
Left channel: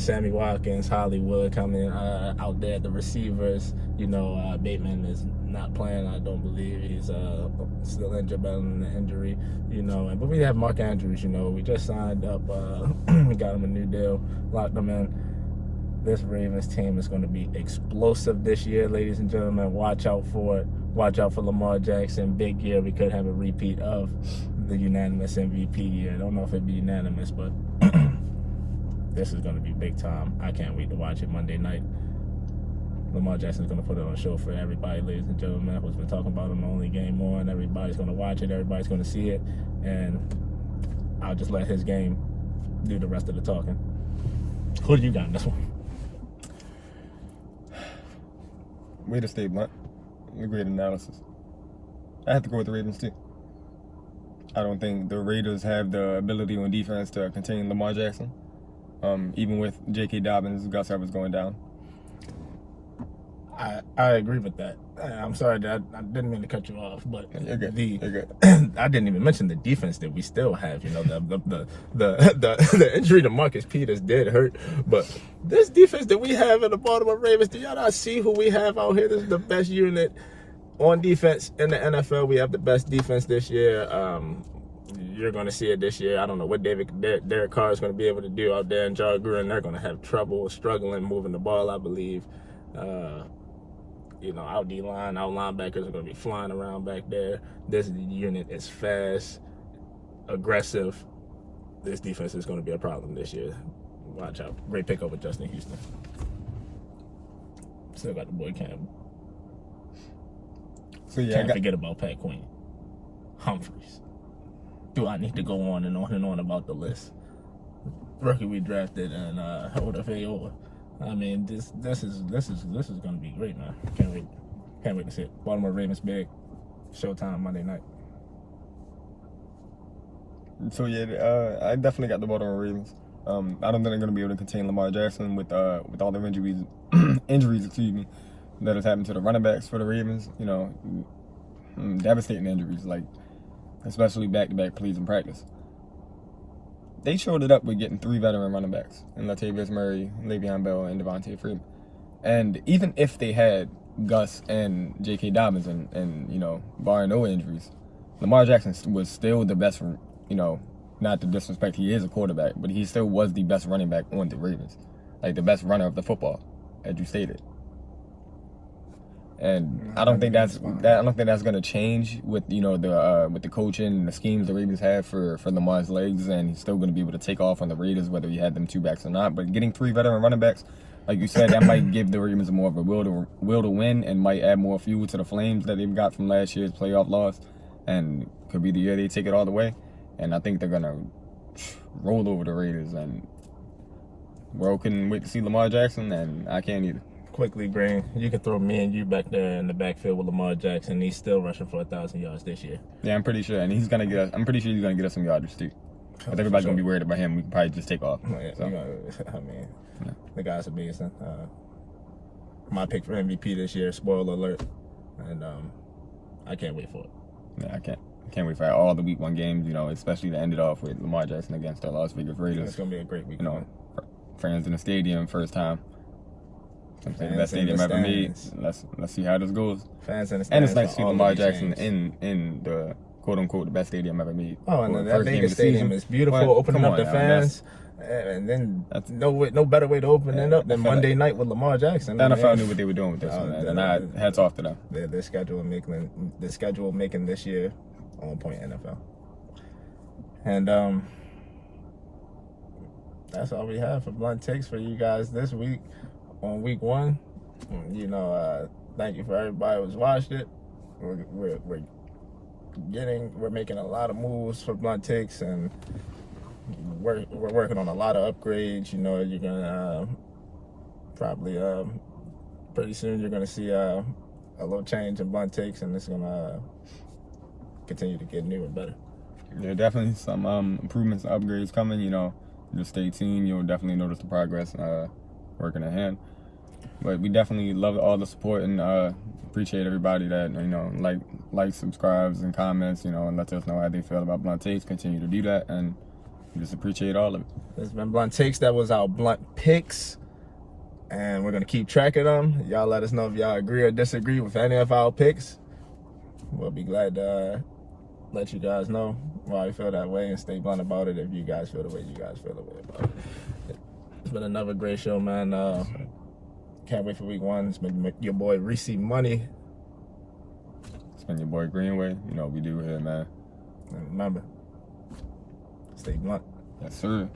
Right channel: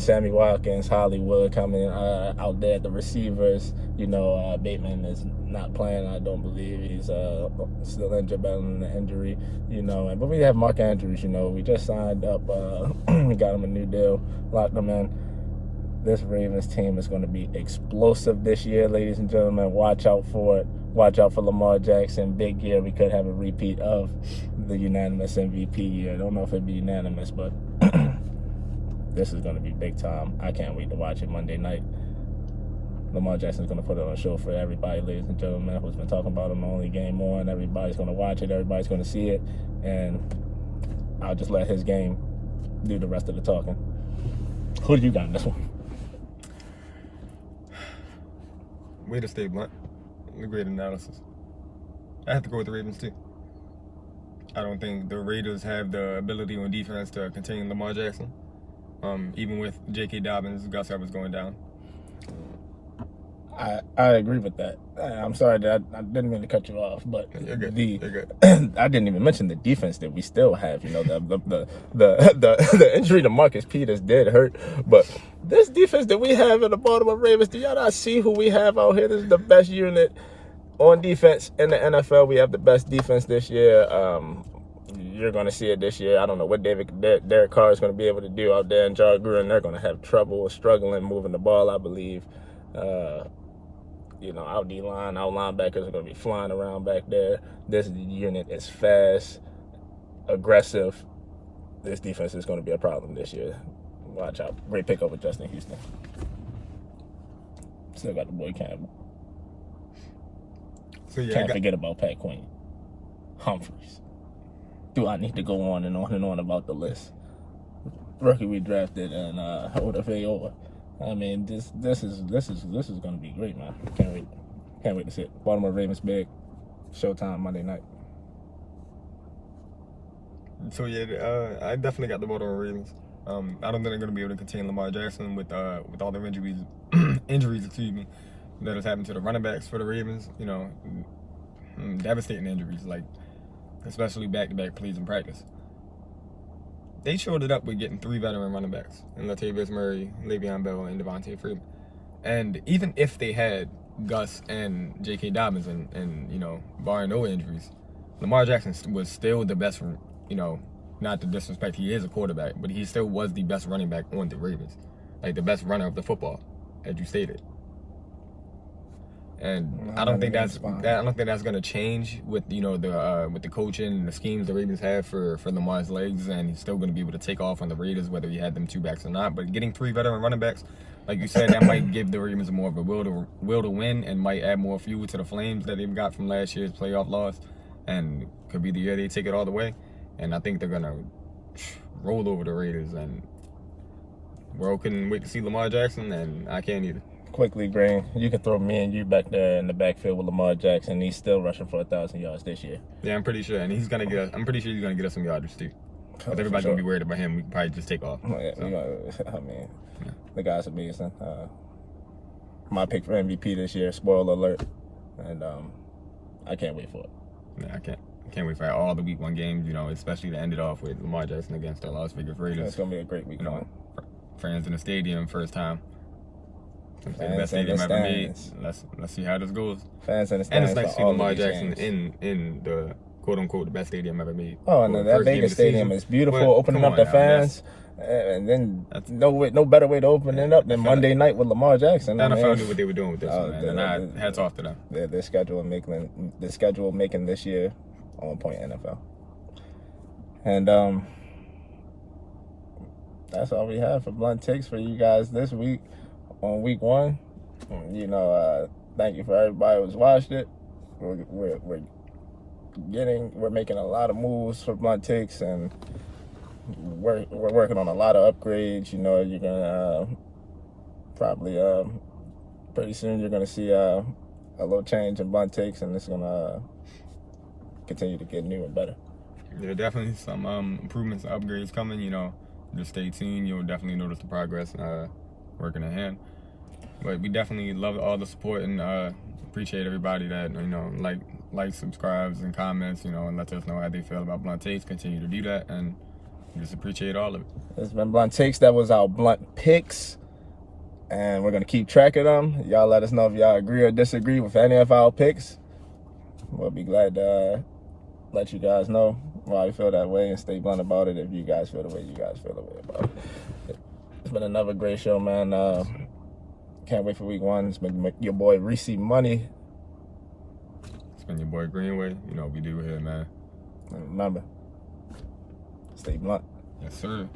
Sammy Watkins, Hollywood coming out there at the receivers. Bateman is not playing, I don't believe. He's still injured, battling the injury. But we have Mark Andrews. We just signed up. We got him a new deal, locked him in. This Ravens team is going to be explosive this year, ladies and gentlemen. Watch out for it. Watch out for Lamar Jackson. Big year. We could have a repeat of the unanimous MVP year. I don't know if it'd be unanimous, but this is going to be big time. I can't wait to watch it Monday night. Lamar Jackson's going to put on a show for everybody, ladies and gentlemen, who's been talking about him the only game on. Everybody's going to watch it. Everybody's going to see it. And I'll just let his game do the rest of the talking. Who do you got in this one? Way to stay blunt. A great analysis. I have to go with the Ravens too. I don't think the Raiders have the ability on defense to contain Lamar Jackson. Even with J.K. Dobbins, Gus Edwards going down. I agree with that. I'm sorry that I didn't mean to cut you off, but You're good. You're good. I didn't even mention the defense that we still have. The injury to Marcus Peters did hurt, but this defense that we have in the Baltimore Ravens, do y'all not see who we have out here? This is the best unit on defense in the NFL. We have the best defense this year. You're going to see it this year. I don't know what Derek Carr is going to be able to do out there in John Gruden. They're going to have trouble struggling moving the ball, I believe. Our D-line, our linebackers are going to be flying around back there. This unit is fast, aggressive. This defense is going to be a problem this year. Watch out. Great pickup with Justin Houston. Still got the boy Campbell. So Can't forget about Pat Quinn. Humphreys. Do I need to go on and on and on about the list? Rookie we drafted and Odafe. I mean, this is going to be great, man. Can't wait to see it. Baltimore Ravens big. Showtime Monday night. So I definitely got the Baltimore Ravens. I don't think they're going to be able to contain Lamar Jackson with all the injuries, that has happened to the running backs for the Ravens. Devastating injuries, especially back-to-back plays in practice. They showed it up with getting 3 veteran running backs in Latavius Murray, Le'Veon Bell, and Devontae Freeman. And even if they had Gus and J.K. Dobbins and barring no injuries, Lamar Jackson was still the best, not to disrespect, he is a quarterback, but he still was the best running back on the Ravens. The best runner of the football, as you stated. And I don't think that's going to change with with the coaching and the schemes the Ravens have for Lamar's legs, and he's still going to be able to take off on the Raiders whether he had them 2 backs or not. But getting 3 veteran running backs, like you said, that might give the Ravens more of a will to win and might add more fuel to the flames that they've got from last year's playoff loss, and could be the year they take it all the way. And I think they're going to roll over the Raiders, and world couldn't wait to see Lamar Jackson, and I can't either. Quickly, Green, you can throw me and you back there in the backfield with Lamar Jackson. He's still rushing for 1,000 yards this year. Yeah, I'm pretty sure, and I'm pretty sure he's gonna get us some yardage too. But everybody's gonna be worried about him. We can probably just take off. The guy's amazing. My pick for MVP this year. Spoiler alert, and I can't wait for it. Yeah, I can't. can't wait for all the week 1 games, you know, especially to end it off with Lamar Jackson against the Las Vegas Raiders. It's gonna be a great week. You know, fans in the stadium, first time. The Fans best in the stadium ever made. stands. Let's see how this goes. Fans in the And stands it's nice to for see all Lamar of these Jackson games. in the quote unquote the best stadium ever made. Oh, and For the that first game Vegas of the season. stadium is beautiful. Well, Opening come up on the now, fans, and then no better way to open it up than I feel Monday like night with Lamar Jackson. The NFL knew what they were doing with this Oh, one, man. they- And hats off to them. Their schedule making this year on point NFL. And that's all we have for blunt takes for you guys this week on week 1. You know, thank you for everybody who's watched it. We're making a lot of moves for blunt takes, and we're working on a lot of upgrades. You know, you're gonna probably pretty soon you're gonna see a little change in blunt takes, and it's gonna continue to get new and better. There are definitely some improvements and upgrades coming, you know. Just stay tuned. You'll definitely notice the progress working ahead. But we definitely love all the support and appreciate everybody that, you know, like, subscribes, and comments, you know, and lets us know how they feel about Blunt Takes. Continue to do that, and just appreciate all of it. It's been Blunt Takes. That was our blunt picks, and we're gonna keep track of them. Y'all let us know if y'all agree or disagree with any of our picks. We'll be glad to let you guys know why you feel that way, and stay blunt about it if you guys feel the way you guys feel the way about it. It's been another great show, man. Can't wait for week 1. It's been your boy ReeceMoney. It's been your boy Greenway. You know what we do here, man. And remember, stay blunt. Yes, sir.